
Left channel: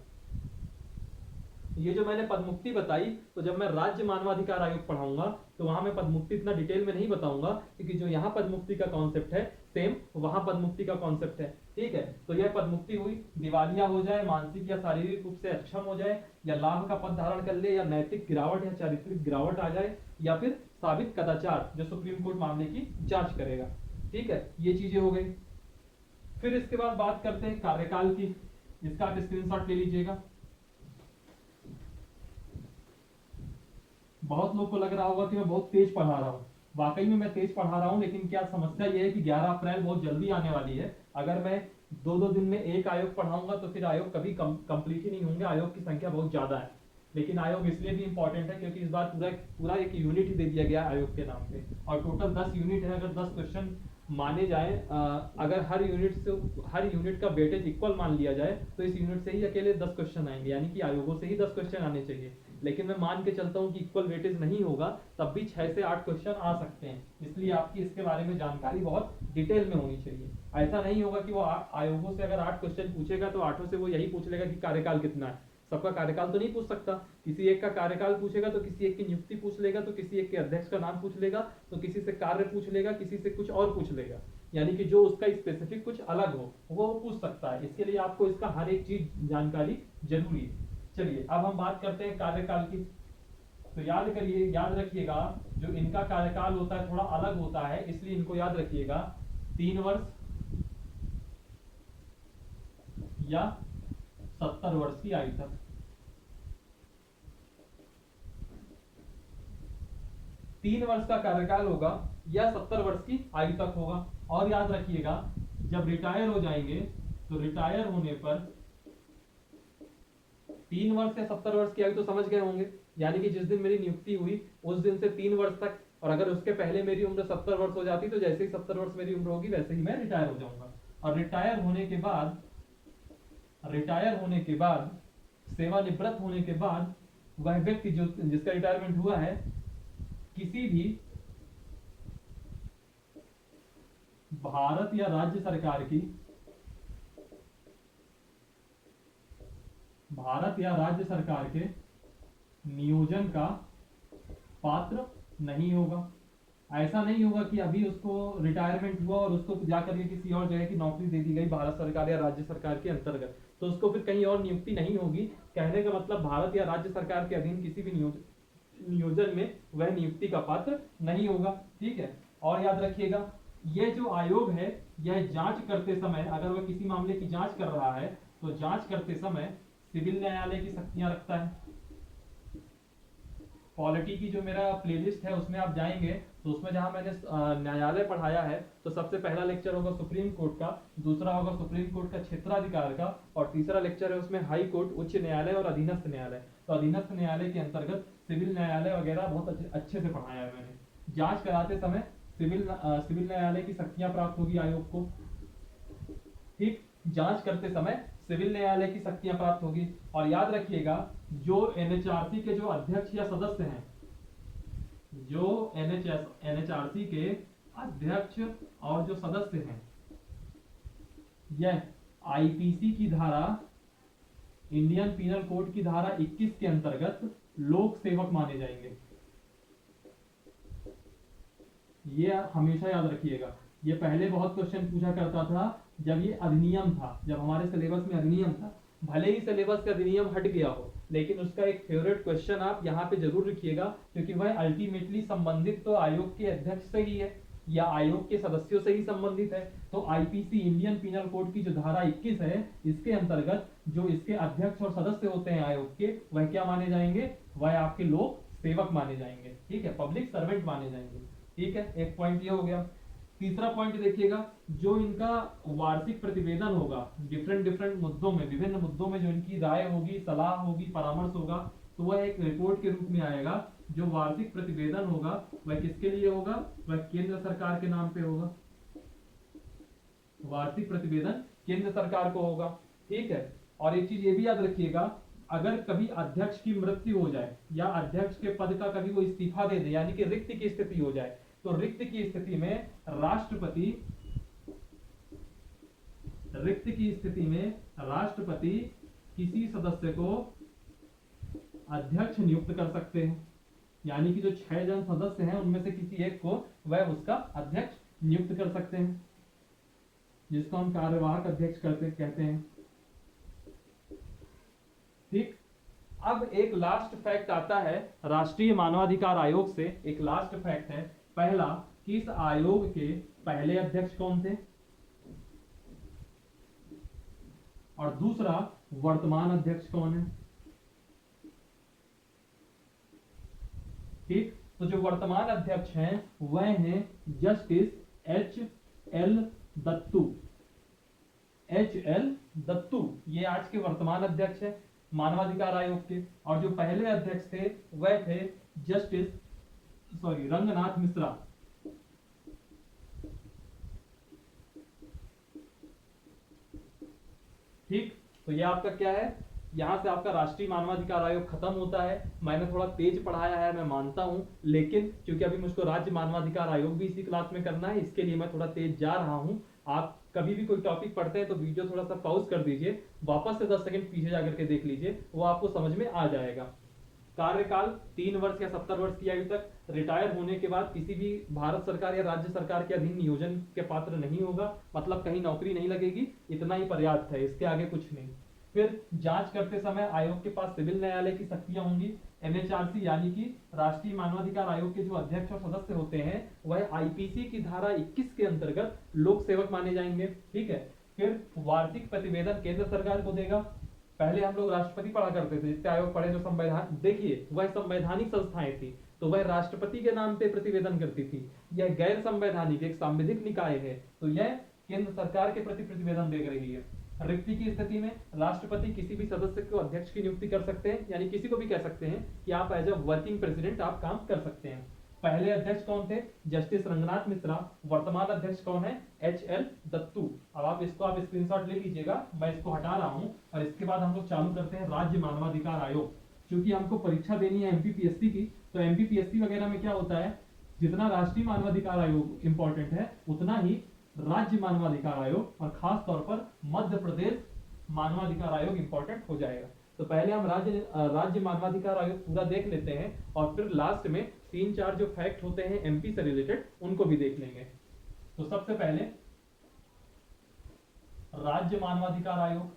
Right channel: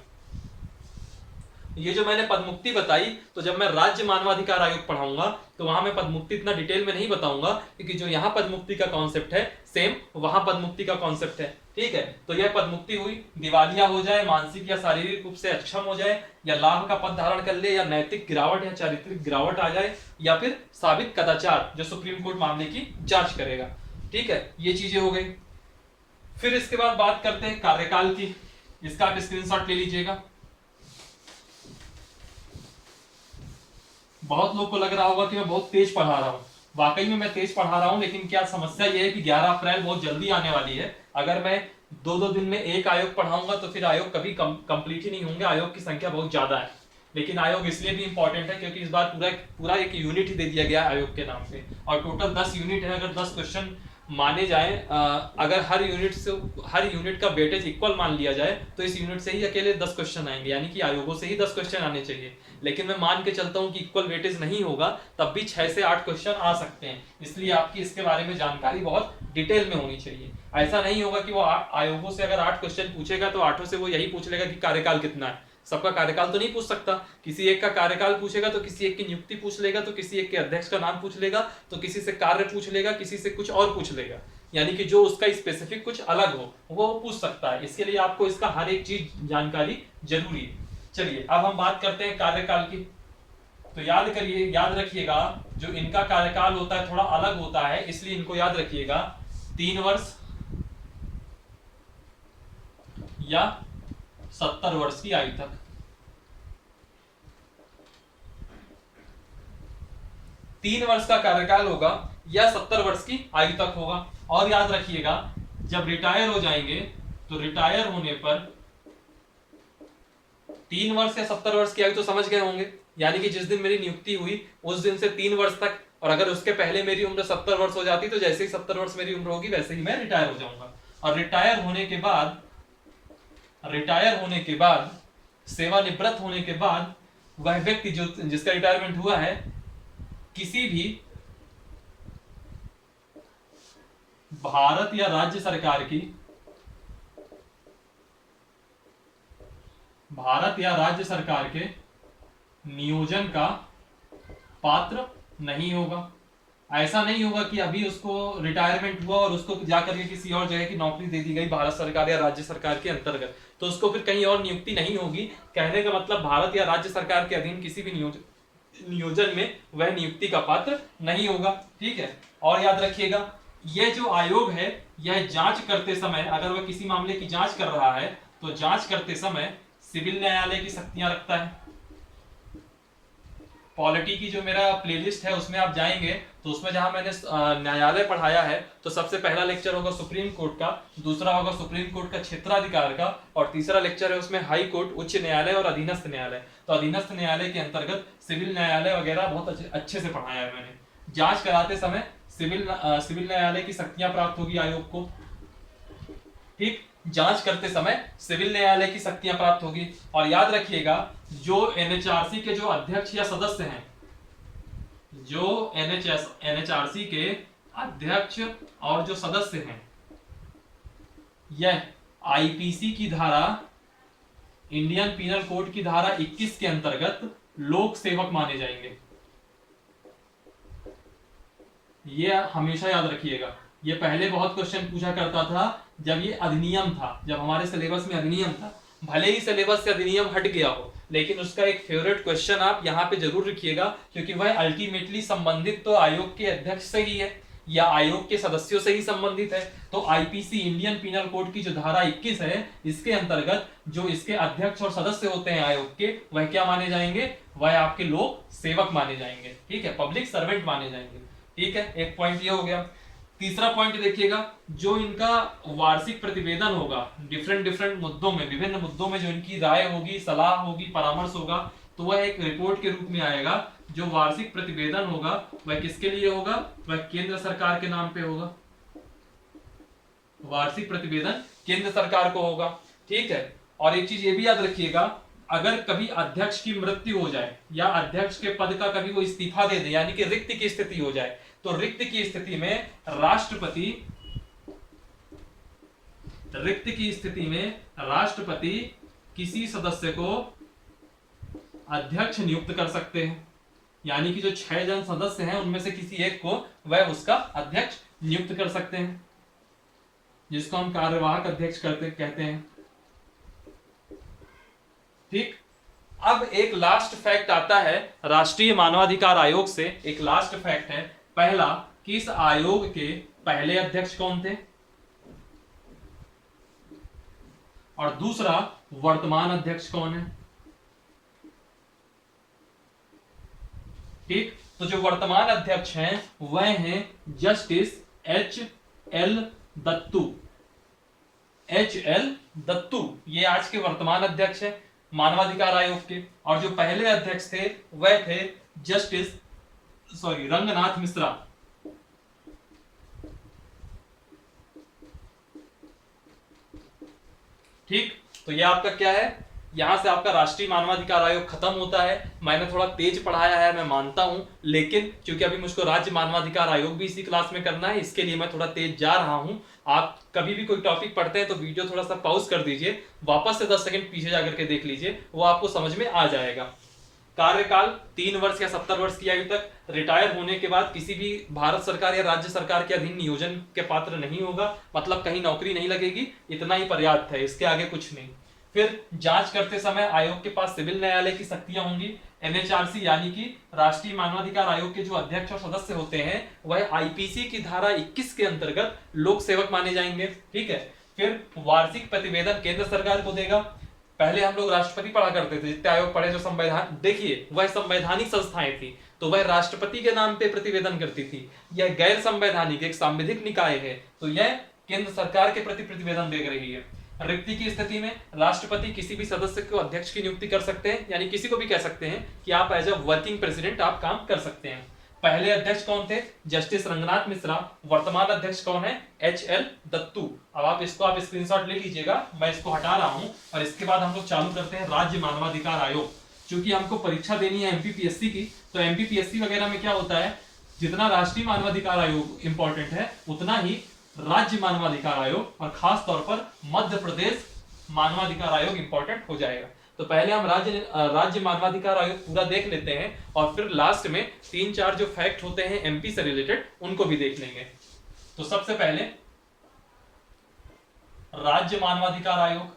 ये जो मैंने पदमुक्ति बताई, तो जब मैं राज्य मानवाधिकार आयोग पढ़ाऊंगा तो वहां मैं पदमुक्ति इतना डिटेल में नहीं बताऊंगा, क्योंकि जो यहाँ पदमुक्ति का कॉन्सेप्ट है सेम वहां पदमुक्ति का कॉन्सेप्ट है। ठीक है, तो यह पद मुक्ति हुई, दिवालिया हो जाए, मानसिक या शारीरिक रूप से अक्षम हो जाए, या लाभ का पद धारण कर ले, या नैतिक गिरावट या चारित्रिक गिरावट आ जाए, या फिर साबित कदाचार जो सुप्रीम कोर्ट मामले की जांच करेगा। ठीक है, ये चीजें हो गई। फिर इसके बाद बात करते हैं कार्यकाल की। इसका आप स्क्रीनशॉट ले लीजिएगा। बहुत लोग को लग रहा होगा कि मैं बहुत तेज पढ़ा रहा हूँ, वाकई में मैं तेज पढ़ा रहा हूँ, लेकिन क्या समस्या ये है कि 11 अप्रैल बहुत जल्दी आने वाली है। अगर मैं दो दो दिन में एक आयोग पढ़ाऊंगा तो फिर आयोग कभी कंप्लीट ही नहीं होंगे, आयोग की संख्या बहुत ज्यादा है। लेकिन आयोग इसलिए भी इंपॉर्टेंट है क्योंकि इस बार पूरा पूरा एक यूनिट ही दे दिया गया आयोग के नाम पे, और टोटल 10 यूनिट है। अगर 10 क्वेश्चन माने जाए, अगर हर यूनिट का वेटेज इक्वल मान लिया जाए तो इस यूनिट से ही अकेले 10 क्वेश्चन आएंगे, यानी कि आयोगों से ही 10 क्वेश्चन आने चाहिए। लेकिन मैं मान के चलता हूं कि इक्वल वेटेज नहीं होगा, तब भी 6 से 8 क्वेश्चन आ सकते हैं। इसलिए आपकी इसके बारे में जानकारी बहुत डिटेल में होनी चाहिए। ऐसा नहीं होगा कि वो आयोगों से अगर 8 क्वेश्चन पूछेगा तो 8 से वो यही पूछ लेगा कि कार्यकाल कितना है। सबका कार्यकाल तो नहीं पूछ सकता, किसी एक का कार्यकाल पूछेगा तो किसी एक की नियुक्ति पूछ लेगा, तो किसी एक के अध्यक्ष का नाम पूछ लेगा, तो किसी से कार्य पूछ लेगा, किसी से कुछ और पूछ लेगा, यानी कि जो उसका स्पेसिफिक कुछ अलग हो वो पूछ सकता है। इसके लिए आपको इसका हर एक चीज जानकारी जरूरी है। चलिए अब हम बात करते हैं कार्यकाल की। तो याद रखिएगा, जो इनका कार्यकाल होता है थोड़ा अलग होता है, इसलिए इनको याद रखिएगा। 3 वर्ष या 70 वर्ष की आयु तक। 3 वर्ष का कार्यकाल होगा या 70 वर्ष की आयु तक होगा। और याद रखिएगा, जब रिटायर हो जाएंगे तो रिटायर होने पर 3 वर्ष या 70 वर्ष की आयु तो समझ गए होंगे, यानी कि जिस दिन मेरी नियुक्ति हुई उस दिन से 3 वर्ष तक, और अगर उसके पहले मेरी उम्र 70 वर्ष हो जाती तो जैसे ही 70 वर्ष मेरी उम्र होगी वैसे ही मैं रिटायर हो जाऊंगा। और रिटायर होने के बाद सेवानिवृत्त होने के बाद वह व्यक्ति जो जिसका रिटायरमेंट हुआ है किसी भी भारत या राज्य सरकार के नियोजन का पात्र नहीं होगा। ऐसा नहीं होगा कि अभी उसको रिटायरमेंट हुआ और उसको जाकर के किसी और जगह की नौकरी दे दी गई भारत सरकार या राज्य सरकार के अंतर्गत, तो उसको फिर कहीं और नियुक्ति नहीं होगी। कहने का मतलब भारत या राज्य सरकार के अधीन किसी भी नियोजन में वह नियुक्ति का पात्र नहीं होगा। ठीक है, और याद रखिएगा, यह जो आयोग है यह जांच करते समय, अगर वह किसी मामले की जांच कर रहा है तो जांच करते समय सिविल न्यायालय की शक्तियां रखता है। पॉलिटी की जो मेरा प्लेलिस्ट है उसमें आप जाएंगे तो उसमें जहां मैंने न्यायालय पढ़ाया है तो सबसे पहला लेक्चर होगा सुप्रीम कोर्ट का, दूसरा होगा सुप्रीम कोर्ट का क्षेत्राधिकार का, और तीसरा लेक्चर है उसमें हाई कोर्ट, उच्च न्यायालय और अधीनस्थ न्यायालय। तो अधीनस्थ न्यायालय के अंतर्गत सिविल न्यायालय वगैरह बहुत अच्छे से पढ़ाया है मैंने। जांच कराते समय सिविल न्यायालय की शक्तियां प्राप्त होगी आयोग को। ठीक, जांच करते समय सिविल न्यायालय की शक्तियां प्राप्त होगी। और याद रखिएगा, जो एनएचआरसी के जो अध्यक्ष या सदस्य हैं, जो एनएचआरसी के अध्यक्ष और जो सदस्य हैं, यह आईपीसी की धारा, इंडियन पीनल कोड की धारा 21 के अंतर्गत लोक सेवक माने जाएंगे। ये हमेशा याद रखिएगा। ये पहले बहुत क्वेश्चन पूछा करता था जब ये अधिनियम था, जब हमारे सिलेबस में अधिनियम था। भले ही सिलेबस से अधिनियम हट गया हो, लेकिन उसका एक फेवरेट क्वेश्चन आप यहाँ पे जरूर रखिएगा, क्योंकि वह अल्टीमेटली संबंधित तो आयोग के अध्यक्ष से ही है या आयोग के सदस्यों से ही संबंधित है। तो आईपीसी, इंडियन पीनल कोड की जो धारा 21 है, इसके अंतर्गत जो इसके अध्यक्ष और सदस्य होते हैं आयोग के, वह क्या माने जाएंगे? वह आपके लोक सेवक माने जाएंगे। ठीक है, पब्लिक सर्वेंट माने जाएंगे। ठीक है, एक पॉइंट ये हो गया। तीसरा पॉइंट देखिएगा, जो इनका वार्षिक प्रतिवेदन होगा डिफरेंट मुद्दों में, विभिन्न मुद्दों में जो इनकी राय होगी, सलाह होगी, परामर्श होगा, तो वह एक रिपोर्ट के रूप में आएगा। जो वार्षिक प्रतिवेदन होगा वह किसके लिए होगा? वह केंद्र सरकार के नाम पे होगा। वार्षिक प्रतिवेदन केंद्र सरकार को होगा। ठीक है, और एक चीज ये भी याद रखिएगा, अगर कभी अध्यक्ष की मृत्यु हो जाए या अध्यक्ष के पद का कभी वो इस्तीफा दे दे, यानी कि रिक्त की स्थिति हो जाए, तो रिक्त की स्थिति में राष्ट्रपति किसी सदस्य को अध्यक्ष नियुक्त कर सकते हैं। यानी कि जो 6 जन सदस्य हैं उनमें से किसी एक को वह उसका अध्यक्ष नियुक्त कर सकते हैं। जिसको हम कार्यवाहक अध्यक्ष कहते हैं। ठीक। अब एक लास्ट फैक्ट आता है राष्ट्रीय मानवाधिकार आयोग से, एक लास्ट फैक्ट है। पहला, कि इस आयोग के पहले अध्यक्ष कौन थे, और दूसरा वर्तमान अध्यक्ष कौन है। ठीक। तो जो वर्तमान अध्यक्ष हैं वह हैं justice H.L. Dattu. H.L. Dattu ये आज के वर्तमान अध्यक्ष हैं मानवाधिकार आयोग के, और जो पहले अध्यक्ष थे वह थे जस्टिस रंगनाथ मिश्रा। ठीक। तो ये आपका क्या है, यहां से आपका राष्ट्रीय मानवाधिकार आयोग खत्म होता है। मैंने थोड़ा तेज पढ़ाया है, मैं मानता हूं, लेकिन क्योंकि अभी मुझको राज्य मानवाधिकार आयोग भी इसी क्लास में करना है, इसके लिए मैं थोड़ा तेज जा रहा हूं। आप कभी भी कोई टॉपिक पढ़ते हैं तो वीडियो थोड़ा सा पॉज कर दीजिए, वापस से 10 सेकंड पीछे जाकर के देख लीजिए, वो आपको समझ में आ जाएगा। कार्यकाल 3 वर्ष या 70 वर्ष की आयु तक, रिटायर होने के बाद किसी भी भारत सरकार या राज्य सरकार के अधीन नियोजन के पात्र नहीं होगा, मतलब कहीं नौकरी नहीं लगेगी, इतना ही पर्याप्त है, इसके आगे कुछ नहीं। फिर जांच करते समय आयोग के पास सिविल न्यायालय की शक्तियां होंगी। NHRC यानी कि राष्ट्रीय मानवाधिकार आयोग के जो अध्यक्ष और सदस्य होते हैं वह IPC की धारा 21 के अंतर्गत लोक सेवक माने जाएंगे। ठीक है। फिर वार्षिक प्रतिवेदन केंद्र सरकार को देगा। पहले हम लोग राष्ट्रपति पढ़ा करते थे, जितने आयोग पढ़े, जो संवैधान, देखिए वह संवैधानिक संस्थाएं थी तो वह राष्ट्रपति के नाम पे प्रतिवेदन करती थी। यह गैर संवैधानिक एक सांविधिक निकाय है तो यह केंद्र सरकार के प्रति प्रतिवेदन दे रही है। रिक्ति की स्थिति में राष्ट्रपति किसी भी सदस्य को अध्यक्ष की नियुक्ति कर सकते हैं, यानी किसी को भी कह सकते हैं कि आप एज अ वर्किंग प्रेसिडेंट आप काम कर सकते हैं। पहले अध्यक्ष कौन थे, जस्टिस रंगनाथ मिश्रा। वर्तमान अध्यक्ष कौन है, H.L. दत्तू। अब आप स्क्रीनशॉट ले लीजिएगा, मैं इसको हटा रहा हूं, और इसके बाद हम लोग चालू करते हैं राज्य मानवाधिकार आयोग। क्योंकि हमको परीक्षा देनी है MPPSC की, तो MPPSC वगैरह में क्या होता है, जितना राष्ट्रीय मानवाधिकार आयोग इंपॉर्टेंट है उतना ही राज्य मानवाधिकार आयोग और खास तौर पर मध्य प्रदेश मानवाधिकार आयोग इंपॉर्टेंट हो जाएगा। तो पहले हम राज्य मानवाधिकार आयोग पूरा देख लेते हैं, और फिर लास्ट में 3-4 जो फैक्ट होते हैं MP से रिलेटेड उनको भी देख लेंगे। तो सबसे पहले राज्य मानवाधिकार आयोग,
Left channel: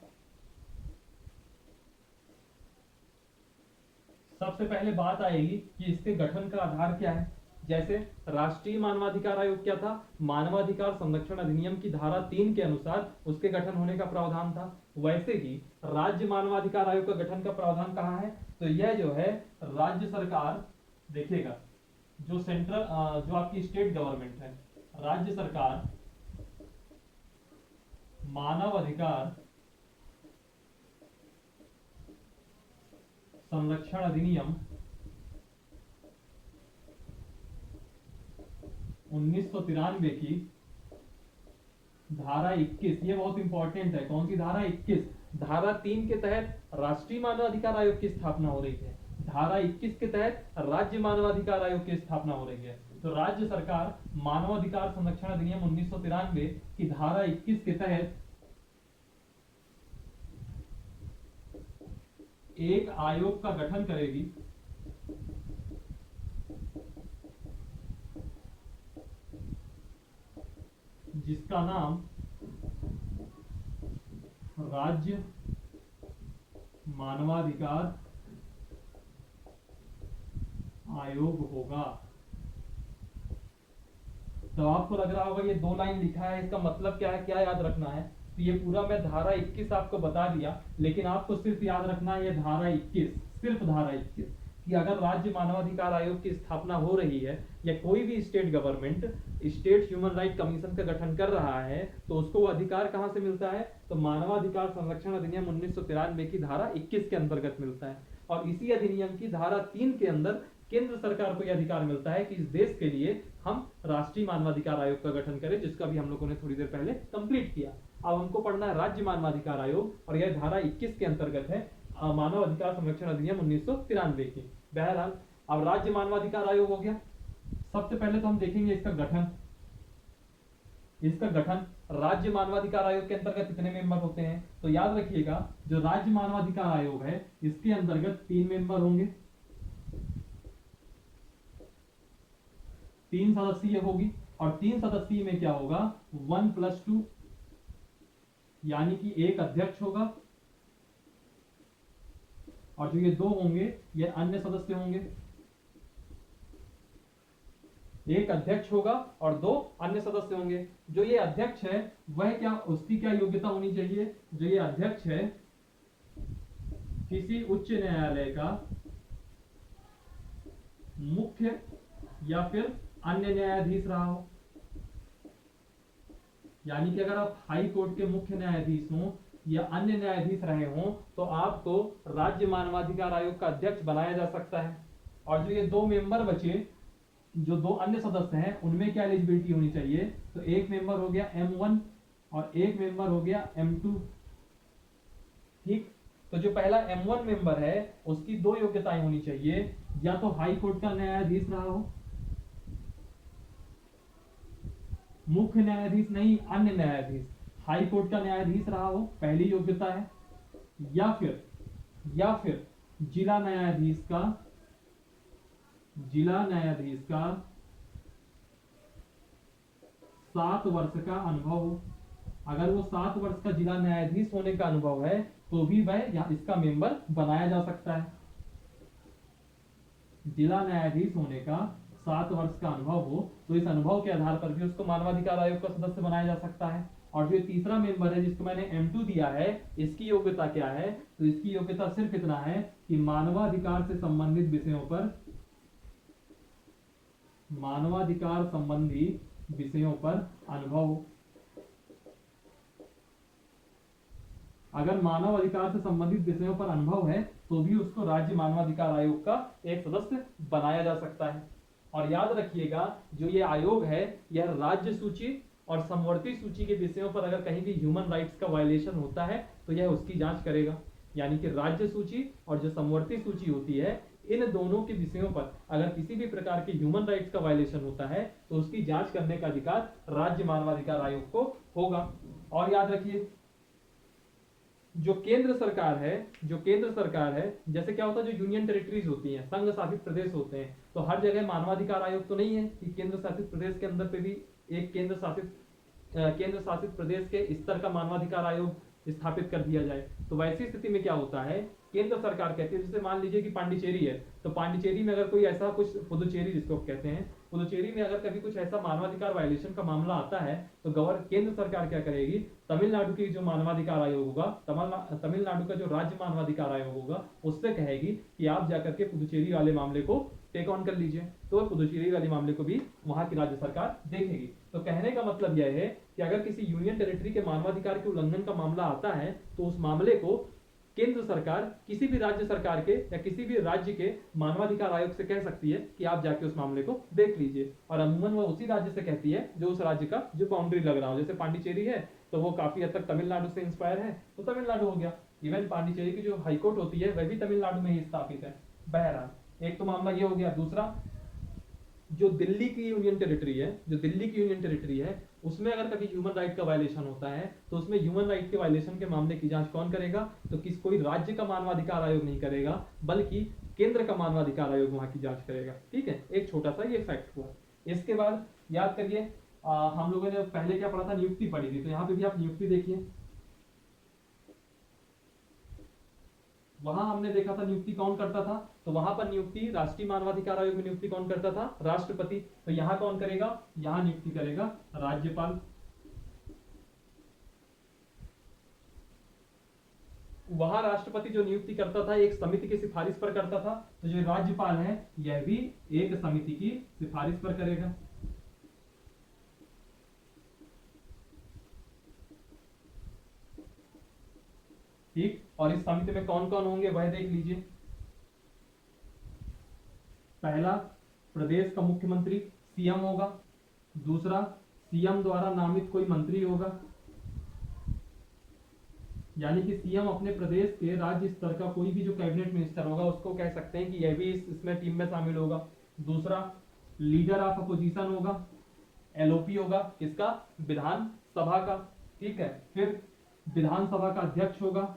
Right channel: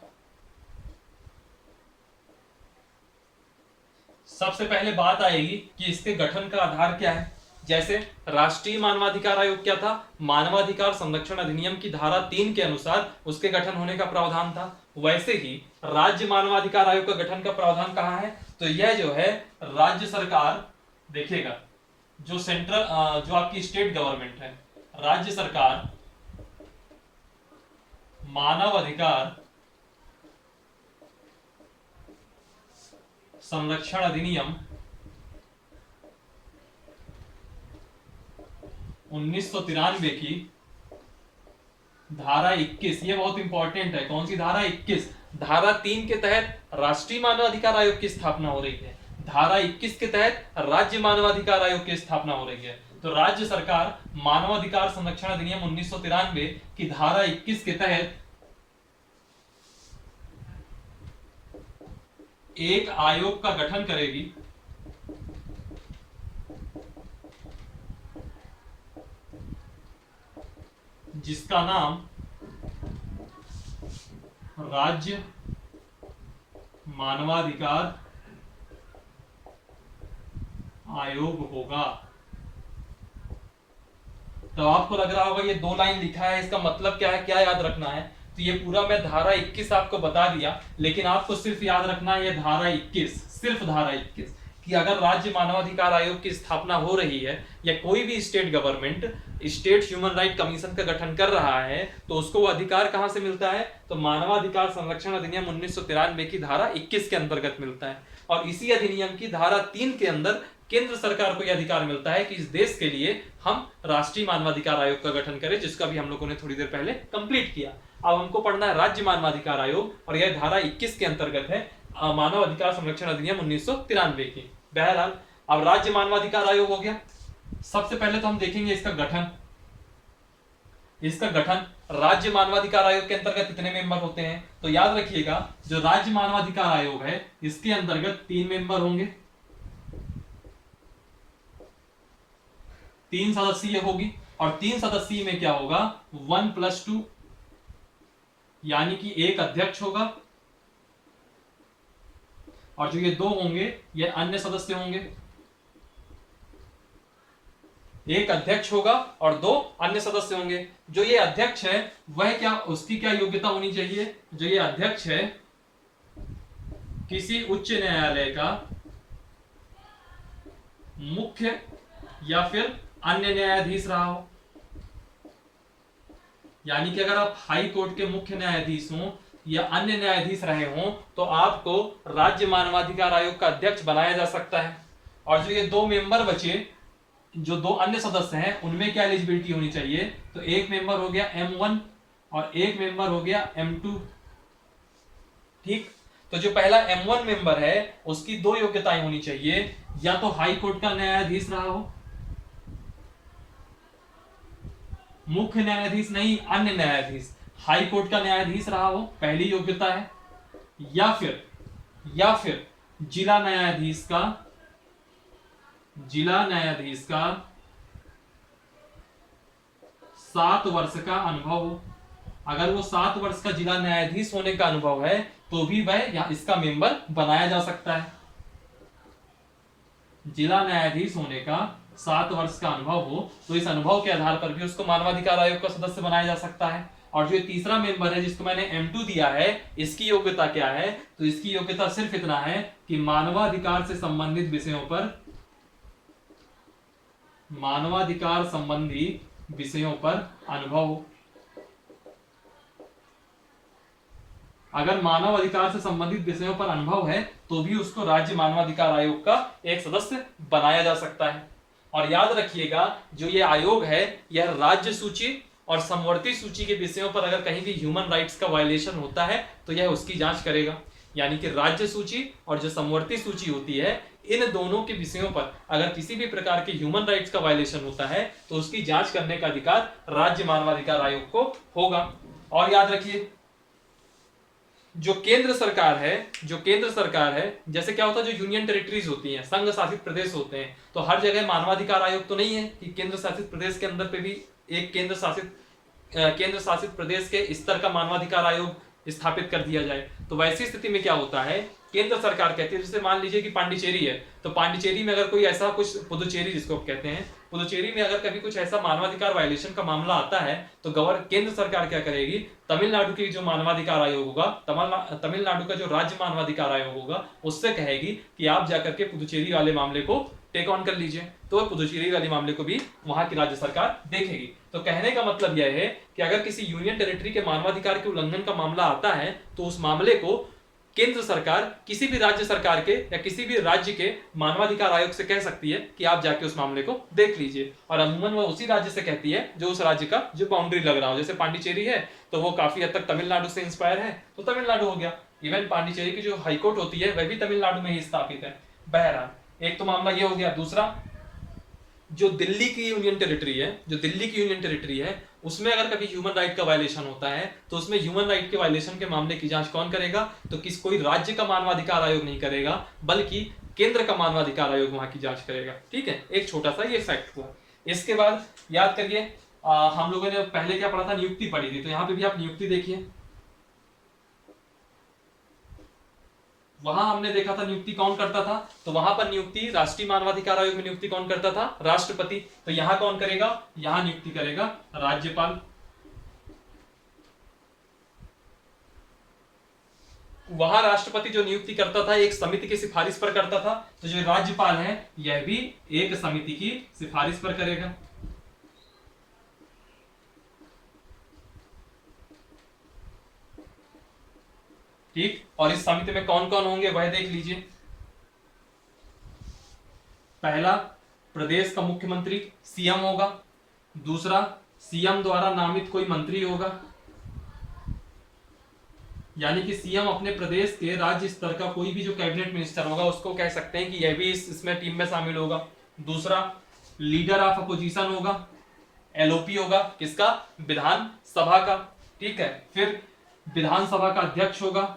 सबसे पहले बात आएगी कि इसके गठन का आधार क्या है। जैसे राष्ट्रीय मानवाधिकार आयोग क्या था, मानवाधिकार संरक्षण अधिनियम की धारा 3 के अनुसार उसके गठन होने का प्रावधान था। वैसे ही राज्य मानवाधिकार आयोग का गठन का प्रावधान कहाँ है, तो यह जो है राज्य सरकार, देखिएगा जो सेंट्रल जो आपकी स्टेट गवर्नमेंट है, राज्य सरकार मानव अधिकार संरक्षण अधिनियम 1993 की धारा 21, ये बहुत इंपॉर्टेंट है। कौन सी धारा 21, धारा 3 के तहत राष्ट्रीय मानवाधिकार आयोग की स्थापना हो रही है, धारा 21 के तहत राज्य मानवाधिकार आयोग की स्थापना हो रही है। तो राज्य सरकार मानवाधिकार संरक्षण अधिनियम 1993 की धारा 21 के तहत एक आयोग का गठन करेगी, जिसका नाम राज्य मानवाधिकार आयोग होगा। तो आपको लग रहा होगा ये 2 लाइन लिखा है, इसका मतलब क्या है, क्या याद रखना है। तो ये पूरा मैं धारा 21 आपको बता दिया, लेकिन आपको सिर्फ याद रखना है ये धारा 21, सिर्फ धारा 21, कि अगर राज्य मानवाधिकार आयोग की स्थापना हो रही है या कोई भी state government state human right commission का गठन कर रहा है तो उसको वो अधिकार कहां से मिलता है, तो मानवाधिकार संरक्षण अधिनियम 1993 की धारा 21 के अंतर्गत मिलता है। और इसी अधिनियम की धारा 3 के अंदर केंद्र सरकार को यह अधिकार मिलता है कि इस देश के लिए हम राष्ट्रीय मानवाधिकार आयोग का गठन करें, जिसका भी हम लोगों ने थोड़ी देर पहले कंप्लीट किया। अब हमको पढ़ना है राज्य मानवाधिकार आयोग, और यह धारा 21 के अंतर्गत है मानव अधिकार संरक्षण अधिनियम 1993 की। बहरहाल अब राज्य मानवाधिकार आयोग हो गया। सबसे पहले तो हम देखेंगे इसका गठन। इसका गठन राज्य मानवाधिकार आयोग के अंतर्गत कितने मेंबर होते हैं, तो याद रखिएगा जो राज्य मानवाधिकार आयोग है इसके अंतर्गत 3 मेंबर होंगे, 3 सदस्यीय होगी, और 3 सदस्यीय में क्या होगा 1+2, यानी कि एक अध्यक्ष होगा और जो ये दो होंगे ये अन्य सदस्य होंगे। एक अध्यक्ष होगा और दो अन्य सदस्य होंगे। जो ये अध्यक्ष है वह क्या, उसकी क्या योग्यता होनी चाहिए? जो ये अध्यक्ष है किसी उच्च न्यायालय का मुख्य या फिर अन्य न्यायाधीश रहा हो। यानी कि अगर आप हाई कोर्ट के मुख्य न्यायाधीश हो या अन्य न्यायाधीश रहे हो तो आपको राज्य मानवाधिकार आयोग का अध्यक्ष बनाया जा सकता है। और जो ये दो मेंबर बचे, जो दो अन्य सदस्य हैं, उनमें क्या एलिजिबिलिटी होनी चाहिए? तो एक मेंबर हो गया M1 और एक मेंबर हो गया M2। ठीक, तो जो पहला M1 मेंबर है उसकी दो योग्यताएं होनी चाहिए, या तो हाई कोर्ट का न्यायाधीश रहा हो, मुख्य न्यायाधीश नहीं अन्य न्यायाधीश, हाई कोर्ट का न्यायाधीश रहा हो, पहली योग्यता है, या फिर जिला न्यायाधीश का 7 वर्ष का अनुभव हो। अगर वो 7 वर्ष का जिला न्यायाधीश होने का अनुभव है तो भी वह इसका मेंबर बनाया जा सकता है। जिला न्यायाधीश होने का 7 वर्ष का अनुभव हो तो इस अनुभव के आधार पर भी उसको मानवाधिकार आयोग का सदस्य बनाया जा सकता है। और जो तीसरा मेंबर है जिसको मैंने M2 दिया है, इसकी योग्यता क्या है? तो इसकी योग्यता सिर्फ इतना है कि मानवाधिकार से संबंधित विषयों पर, मानवाधिकार संबंधी विषयों पर अनुभव हो। अगर मानव अधिकार से संबंधित विषयों पर अनुभव है तो भी उसको राज्य मानवाधिकार आयोग का एक सदस्य बनाया जा सकता है। और याद रखिएगा जो ये आयोग है यह राज्य सूची और समवर्ती सूची के विषयों पर अगर कहीं भी ह्यूमन राइट्स का वायलेशन होता है तो यह उसकी जांच करेगा। यानी कि राज्य सूची और जो समवर्ती सूची होती है, इन दोनों के विषयों पर अगर किसी भी प्रकार के ह्यूमन राइट्स का वायलेशन होता है तो उसकी जांच करने का अधिकार राज्य मानवाधिकार आयोग को होगा। और याद रखिए जो केंद्र सरकार है, जैसे क्या होता है जो यूनियन टेरिटरीज होती हैं, संघ शासित प्रदेश होते हैं, तो हर जगह मानवाधिकार आयोग तो नहीं है कि केंद्र शासित प्रदेश के अंदर पे भी एक केंद्र शासित प्रदेश के स्तर का मानवाधिकार आयोग स्थापित कर दिया जाए। तो वैसी स्थिति में क्या होता है, केंद्र सरकार कहती है, जैसे मान लीजिए कि पांडिचेरी है, तो पांडिचेरी में अगर कोई ऐसा कुछ, पुदुचेरी जिसको कहते हैं, पुदुचेरी में अगर कभी कुछ ऐसा मानवाधिकार वायलेशन का मामला आता है तो केंद्र सरकार क्या करेगी, तमिलनाडु की जो मानवाधिकार आयोग होगा, तमिलनाडु का जो राज्य मानवाधिकार आयोग होगा, उससे कहेगी कि आप जाकर के पुदुचेरी वाले मामले को टेक ऑन कर लीजिए। तो पुदुचेरी वाले मामले को भी वहां की राज्य सरकार देखेगी। तो कहने का मतलब यह है कि अगर किसी यूनियन टेरिटरी के मानवाधिकार के उल्लंघन का मामला आता है तो उस मामले को केंद्र सरकार किसी भी राज्य सरकार के या किसी भी राज्य के मानवाधिकार आयोग से कह सकती है कि आप जाके उस मामले को देख लीजिए। और अमूमन वो उसी राज्य से कहती है जो उस राज्य का जो बाउंड्री लग रहा हो। जैसे पांडिचेरी है तो वो काफी हद तक तमिलनाडु से इंस्पायर है तो तमिलनाडु हो गया। इवन पांडिचेरी की जो हाईकोर्ट होती है वह भी तमिलनाडु में ही स्थापित है। बहरहाल एक तो मामला ये हो गया। दूसरा, जो दिल्ली की यूनियन टेरिटरी है उसमें अगर कभी ह्यूमन राइट का वायलेशन होता है तो उसमें ह्यूमन राइट के वायलेशन के मामले की जांच कौन करेगा? तो कोई राज्य का मानवाधिकार आयोग नहीं करेगा बल्कि केंद्र का मानवाधिकार आयोग वहां की जांच करेगा। ठीक है, एक छोटा सा ये फैक्ट हुआ। इसके बाद याद करिए हम लोगों ने पहले क्या पढ़ा था, नियुक्ति पढ़ी थी। तो यहाँ पे भी आप नियुक्ति देखिए, वहां हमने देखा था नियुक्ति कौन करता था, तो वहां पर नियुक्ति राष्ट्रीय मानवाधिकार आयोग में नियुक्ति कौन करता था? राष्ट्रपति। तो यहां कौन करेगा? यहां नियुक्ति करेगा राज्यपाल। वहां राष्ट्रपति जो नियुक्ति करता था एक समिति की सिफारिश पर करता था, तो जो राज्यपाल है यह भी एक समिति की सिफारिश पर करेगा। ठीक, और इस समिति में कौन कौन होंगे वह देख लीजिए। पहला, प्रदेश का मुख्यमंत्री सीएम होगा। दूसरा, सीएम द्वारा नामित कोई मंत्री होगा, यानी कि सीएम अपने प्रदेश के राज्य स्तर का कोई भी जो कैबिनेट मिनिस्टर होगा उसको कह सकते हैं कि यह भी इसमें टीम में शामिल होगा। दूसरा, लीडर ऑफ अपोजिशन होगा, एलओपी होगा, किसका? विधानसभा का। ठीक है, फिर विधानसभा का अध्यक्ष होगा।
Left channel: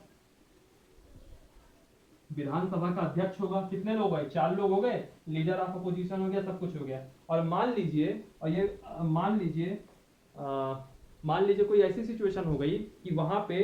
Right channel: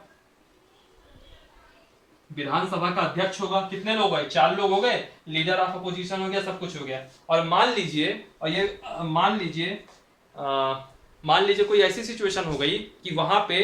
विधानसभा का अध्यक्ष होगा। कितने लोग गए? 4 लोग हो गए। लीडर ऑफ अपोजिशन हो गया, सब कुछ हो गया। और मान लीजिए मान लीजिए कोई ऐसी सिचुएशन हो गई कि वहां पे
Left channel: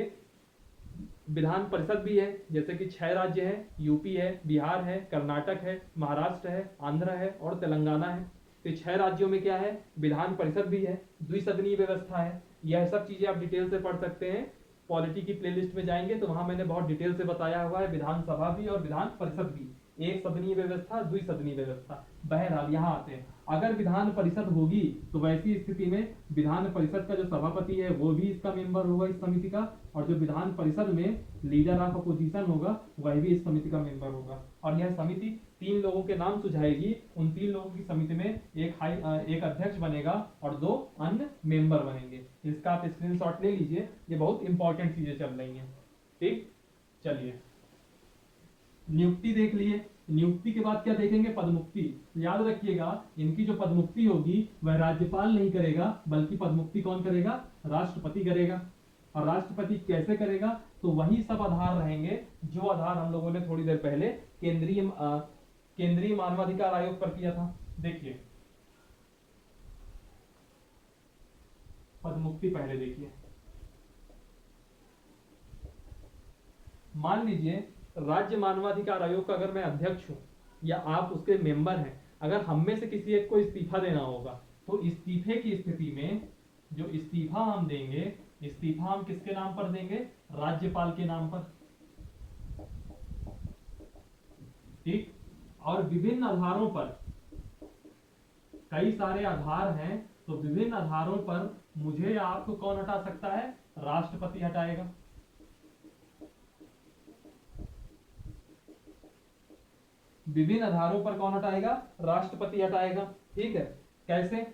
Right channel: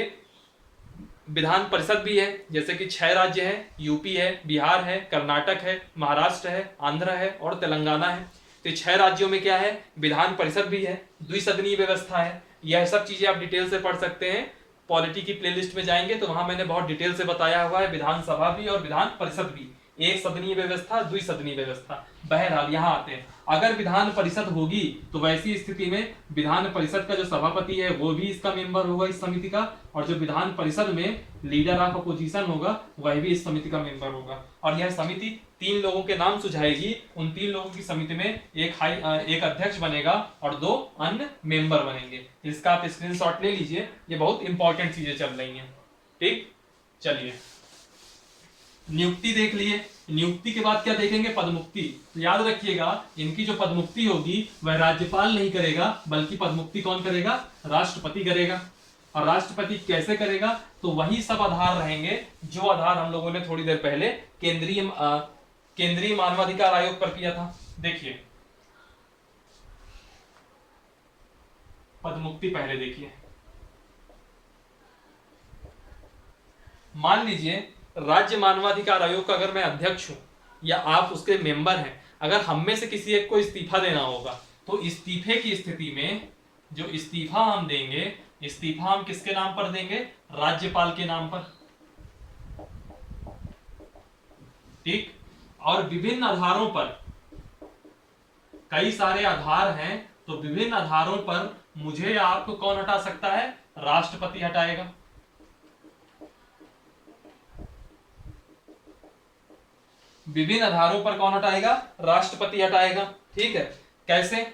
विधान परिषद भी है, जैसे कि 6 राज्य हैं, यूपी है, बिहार है, कर्नाटक है, महाराष्ट्र है, आंध्र है और तेलंगाना है। तो 6 राज्यों में क्या है, विधान परिषद भी है, द्विसदनीय व्यवस्था है। यह सब चीजें आप डिटेल से पढ़ सकते हैं। पॉलिटी की प्लेलिस्ट में जाएंगे तो वहां मैंने बहुत डिटेल से बताया हुआ है, विधानसभा भी और विधान परिषद भी, एक सदनीय व्यवस्था, द्विसदनीय व्यवस्था। बहरहाल यहाँ आते हैं, अगर विधान परिषद होगी तो वैसी स्थिति में विधान परिषद का जो सभापति है वो भी इसका मेंबर होगा, इस समिति का, और जो विधान परिषद में लीडर ऑफ अपोजिशन होगा वह भी इस समिति का मेंबर होगा। और यह समिति 3 लोगों के नाम सुझाएगी। उन 3 लोगों की समिति में एक अध्यक्ष बनेगा और 2 अन्य मेंबर बनेंगे। इसका आप स्क्रीनशॉट ले लीजिए, ये बहुत इंपॉर्टेंट चीजें चल रही हैं। ठीक, चलिए नियुक्ति देख लिए। नियुक्ति के बाद क्या देखेंगे, पदमुक्ति। तो याद रखिएगा, इनकी जो पदमुक्ति होगी वह राज्यपाल नहीं करेगा, बल्कि पदमुक्ति कौन करेगा, राष्ट्रपति करेगा। और राष्ट्रपति कैसे करेगा, तो वही सब आधार रहेंगे जो आधार हम लोगों ने थोड़ी देर पहले केंद्रीय मानवाधिकार आयोग पर किया था। देखिए पदमुक्ति पहले देखिए। मान लीजिए राज्य मानवाधिकार आयोग का अगर मैं अध्यक्ष हूं या आप उसके मेंबर हैं, अगर हम में से किसी एक को इस्तीफा देना होगा तो इस्तीफे की स्थिति में जो इस्तीफा हम देंगे, इस्तीफा हम किसके नाम पर देंगे, राज्यपाल के नाम पर। ठीक, और विभिन्न आधारों पर, कई सारे आधार हैं, तो विभिन्न आधारों पर मुझे या आपको कौन हटा सकता है, राष्ट्रपति हटाएगा। विभिन्न आधारों पर कौन हटाएगा, राष्ट्रपति हटाएगा। ठीक है, कैसे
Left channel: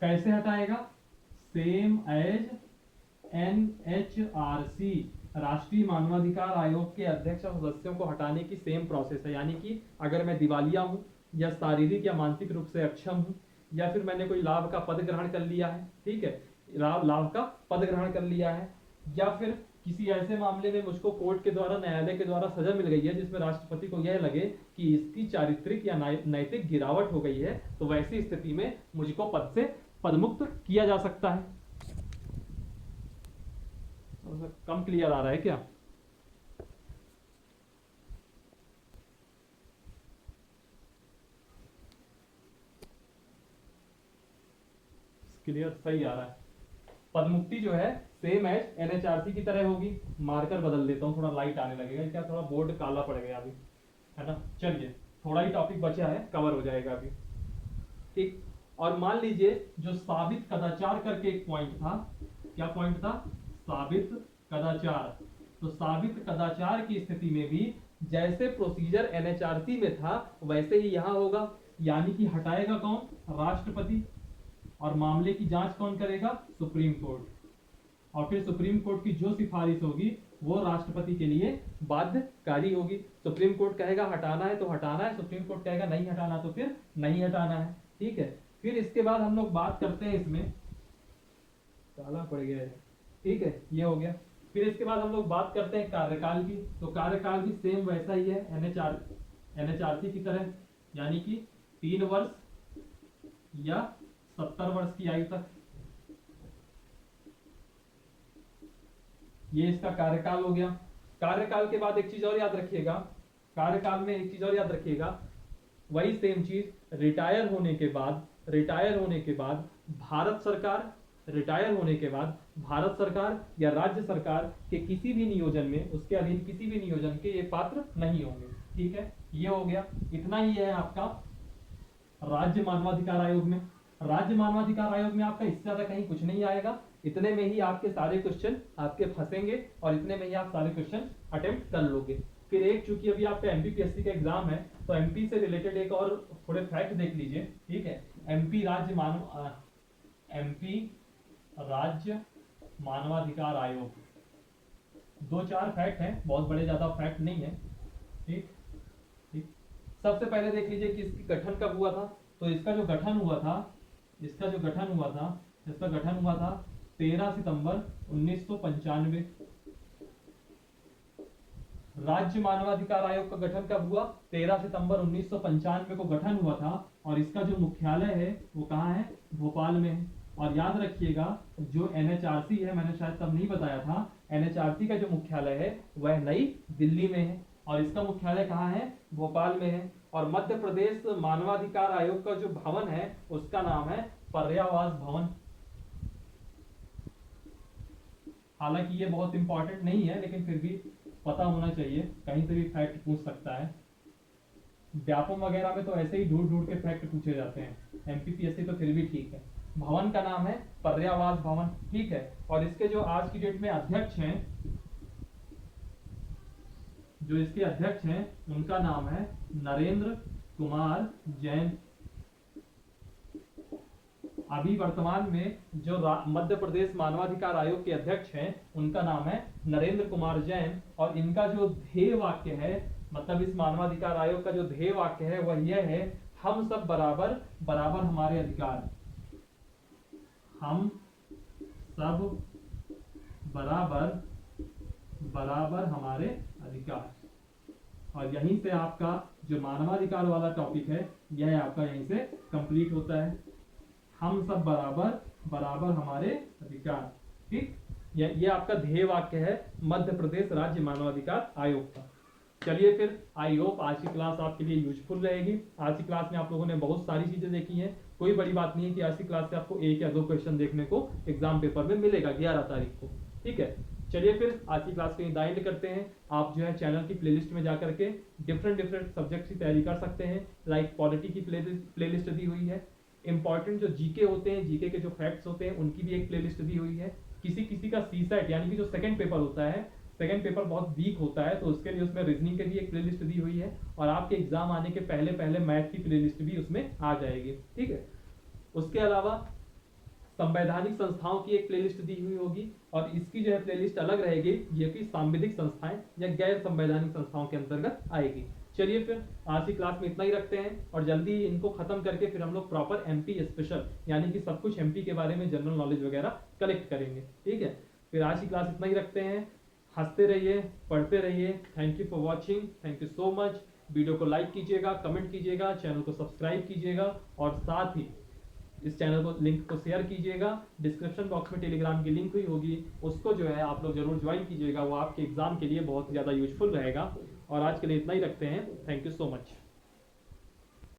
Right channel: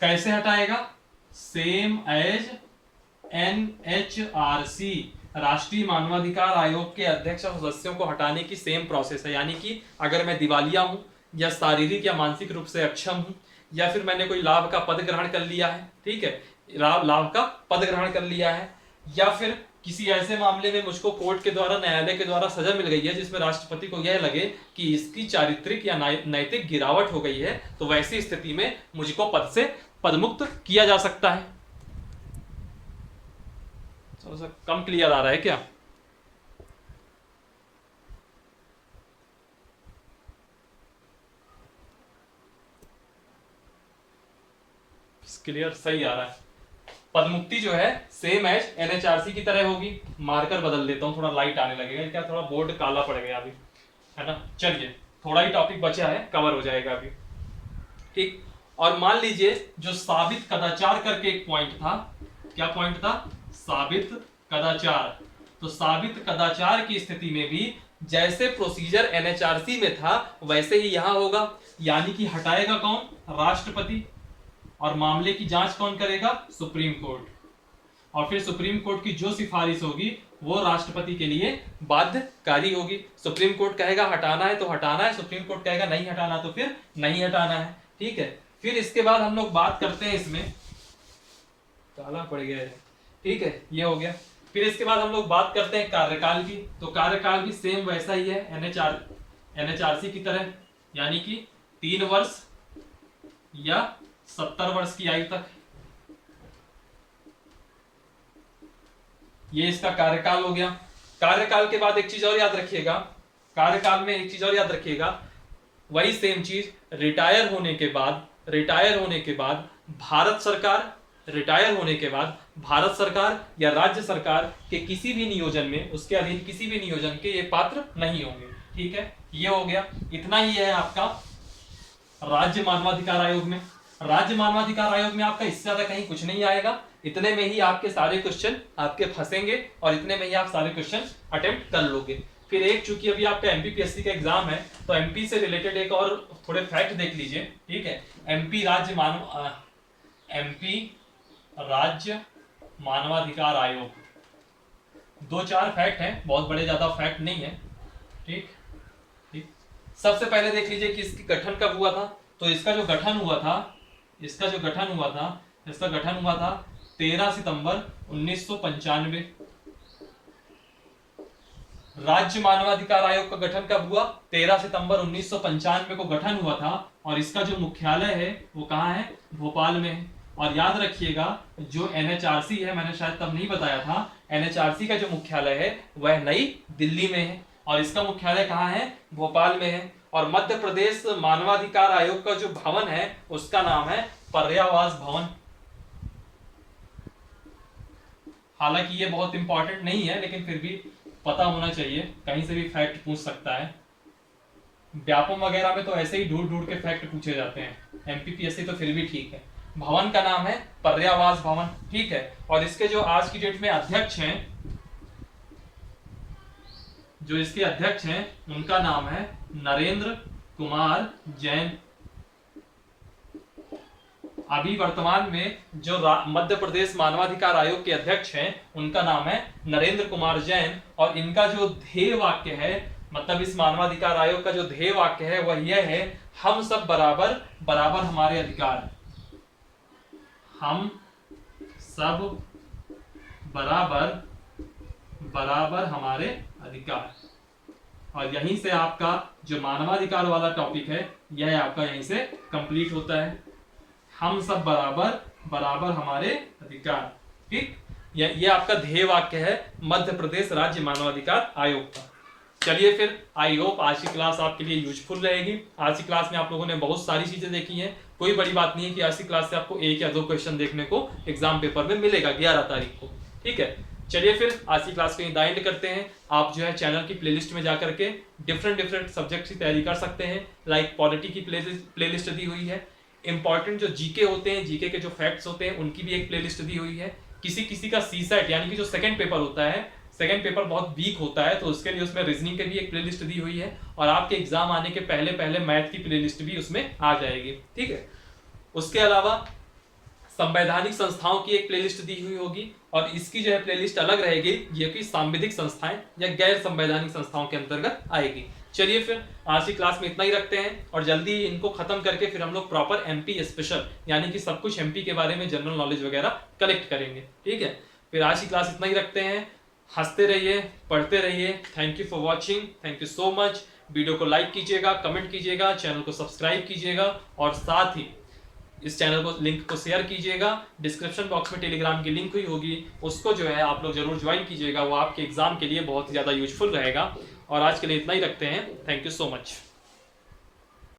कैसे हटाएगा, सेम एज NHRC, राष्ट्रीय मानवाधिकार आयोग के अध्यक्ष और सदस्यों को हटाने की सेम प्रोसेस है। यानी कि अगर मैं दिवालिया हूं या शारीरिक या मानसिक रूप से अक्षम हूं, या फिर मैंने कोई लाभ का पद ग्रहण कर लिया है, ठीक है, लाभ का पद ग्रहण कर लिया है, या फिर किसी ऐसे मामले में मुझको कोर्ट के द्वारा, न्यायालय के द्वारा सजा मिल गई है जिसमें राष्ट्रपति को यह लगे कि इसकी चारित्रिक या नैतिक गिरावट हो गई है, तो वैसी स्थिति में मुझको पद से पदमुक्त किया जा सकता है। थोड़ा सा कम क्लियर आ रहा है क्या? क्लियर, सही आ रहा है। पदमुक्ति जो है सेम एज NHRC की तरह होगी। मार्कर बदल देता हूँ, थोड़ा लाइट आने लगेगा, क्या थोड़ा बोर्ड काला पड़ गया अभी, है ना। चलिए थोड़ा ही टॉपिक बचा है, कवर हो जाएगा अभी। ठीक, और मान लीजिए जो साबित कदाचार करके एक पॉइंट था, क्या पॉइंट था, साबित कदाचार। तो साबित कदाचार की स्थिति में भी जैसे प्रोसीजर NHRC में था वैसे ही यहां होगा। यानी कि हटाएगा कौन, राष्ट्रपति, और मामले की जांच कौन करेगा, सुप्रीम कोर्ट। और फिर सुप्रीम कोर्ट की जो सिफारिश होगी वो राष्ट्रपति के लिए बाध्यकारी होगी। सुप्रीम कोर्ट कहेगा हटाना है तो हटाना है, सुप्रीम कोर्ट कहेगा नहीं हटाना तो फिर नहीं हटाना है। ठीक है, फिर इसके बाद हम लोग बात करते हैं, इसमें काला पड़ गया है, ठीक है, ये हो गया। फिर इसके बाद हम लोग बात करते हैं कार्यकाल की। तो कार्यकाल भी सेम वैसा ही है NHRC की तरह, यानी कि 3 वर्ष या 70 वर्ष की आयु तक, ये इसका कार्यकाल हो गया। कार्यकाल के बाद एक चीज और याद रखिएगा, कार्यकाल में एक चीज और याद रखिएगा, वही सेम चीज, रिटायर होने के बाद भारत सरकार या राज्य सरकार के किसी भी नियोजन में, उसके अधीन किसी भी नियोजन के ये पात्र नहीं होंगे। ठीक है, ये हो गया। इतना ही है आपका राज्य मानवाधिकार आयोग में। राज्य मानवाधिकार आयोग में आपका इससे ज्यादा कहीं कुछ नहीं आएगा। इतने में ही आपके सारे क्वेश्चन आपके फंसेंगे और इतने में ही आप सारे क्वेश्चन अटेम्प्ट कर लोगे। फिर एक, चूंकि अभी आपका MPPSC का एग्जाम है तो MP से रिलेटेड एक और थोड़े फैक्ट देख लीजिए। ठीक है, MP राज्य मानवाधिकार आयोग, 2-4 फैक्ट हैं, बहुत बड़े ज्यादा फैक्ट नहीं है। ठीक, सबसे पहले देख लीजिए कि इसकी गठन कब हुआ था। तो इसका जो गठन हुआ था 13 सितंबर 1995। राज्य मानवाधिकार आयोग का गठन कब हुआ, 13 सितंबर 1995 को गठन हुआ था। और इसका जो मुख्यालय है वो कहाँ है, भोपाल में है। और याद रखिएगा जो NHRC है, मैंने शायद तब नहीं बताया था, NHRC का जो मुख्यालय है वह नई दिल्ली में है और इसका मुख्यालय कहाँ है, भोपाल में है। और मध्य प्रदेश मानवाधिकार आयोग का जो भवन है उसका नाम है पर्यावास भवन। हालांकि ये बहुत इंपॉर्टेंट नहीं है लेकिन फिर भी पता होना चाहिए, कहीं से भी फैक्ट पूछ सकता है। व्यापम वगैरह में तो ऐसे ही ढूंढ ढूंढ के फैक्ट पूछे जाते हैं, MPPSC तो फिर भी ठीक है। भवन का नाम है पर्यावास भवन, ठीक है। और इसके जो आज की डेट में अध्यक्ष हैं, जो इसके अध्यक्ष हैं उनका नाम है नरेंद्र कुमार जैन। अभी वर्तमान में जो मध्य प्रदेश मानवाधिकार आयोग के अध्यक्ष हैं उनका नाम है नरेंद्र कुमार जैन। और इनका जो ध्येय वाक्य है, मतलब इस मानवाधिकार आयोग का जो ध्येय वाक्य है वह यह है, हम सब बराबर, बराबर हमारे अधिकार। हम सब बराबर, बराबर हमारे अधिकार। और यहीं से आपका जो मानवाधिकार वाला टॉपिक है यह आपका यहीं से कंप्लीट होता है। हम सब बराबर, बराबर हमारे अधिकार, ठीक। ये आपका ध्येय वाक्य है मध्य प्रदेश राज्य मानवाधिकार आयोग का। चलिए फिर, आई होप आज की क्लास आपके लिए यूजफुल रहेगी। आज की क्लास में आप लोगों ने बहुत सारी चीजें देखी हैं। कोई बड़ी बात नहीं है कि आज की क्लास से आपको 1 या 2 क्वेश्चन देखने को एग्जाम पेपर में मिलेगा 11 तारीख को, ठीक है। चलिए फिर आज की क्लास को एंड करते हैं। आप जो है चैनल की प्लेलिस्ट में जाकर के डिफरेंट सब्जेक्ट्स की तैयारी कर सकते हैं। लाइक पॉलिटी की प्लेलिस्ट दी हुई है, इंपॉर्टेंट जो जीके होते हैं, जीके के जो फैक्ट्स होते हैं उनकी भी एक प्लेलिस्ट दी हुई है। किसी किसी का सीसेट यानी कि जो सेकंड पेपर होता है, सेकंड पेपर बहुत वीक होता है तो उसके लिए उसमें रीजनिंग की भी एक प्लेलिस्ट दी हुई है। और आपके एग्जाम आने के पहले पहले मैथ की प्लेलिस्ट भी उसमें आ जाएगी, ठीक है। उसके अलावा संवैधानिक संस्थाओं की एक प्लेलिस्ट दी हुई होगी और इसकी जो है प्लेलिस्ट अलग रहेगी, ये कि सांविधिक संस्थाएं या गैर संवैधानिक संस्थाओं के अंतर्गत आएगी। चलिए फिर आज की क्लास में इतना ही रखते हैं और जल्दी इनको खत्म करके फिर हम लोग प्रॉपर MP स्पेशल यानी कि सब कुछ MP के बारे में जनरल नॉलेज वगैरह कलेक्ट करेंगे, ठीक है। फिर आज की क्लास इतना ही रखते हैं। हंसते रहिए, पढ़ते रहिए। Thank you for watching, thank you so much. Video को लाइक कीजिएगा, कमेंट कीजिएगा, चैनल को सब्सक्राइब कीजिएगा और साथ ही इस चैनल को लिंक को शेयर कीजिएगा। डिस्क्रिप्शन बॉक्स में टेलीग्राम की लिंक हुई होगी, उसको जो है आप लोग जरूर ज्वाइन कीजिएगा, वो आपके एग्जाम के लिए बहुत ज़्यादा यूजफुल रहेगा। और आज के लिए इतना ही रखते हैं। Thank you so much.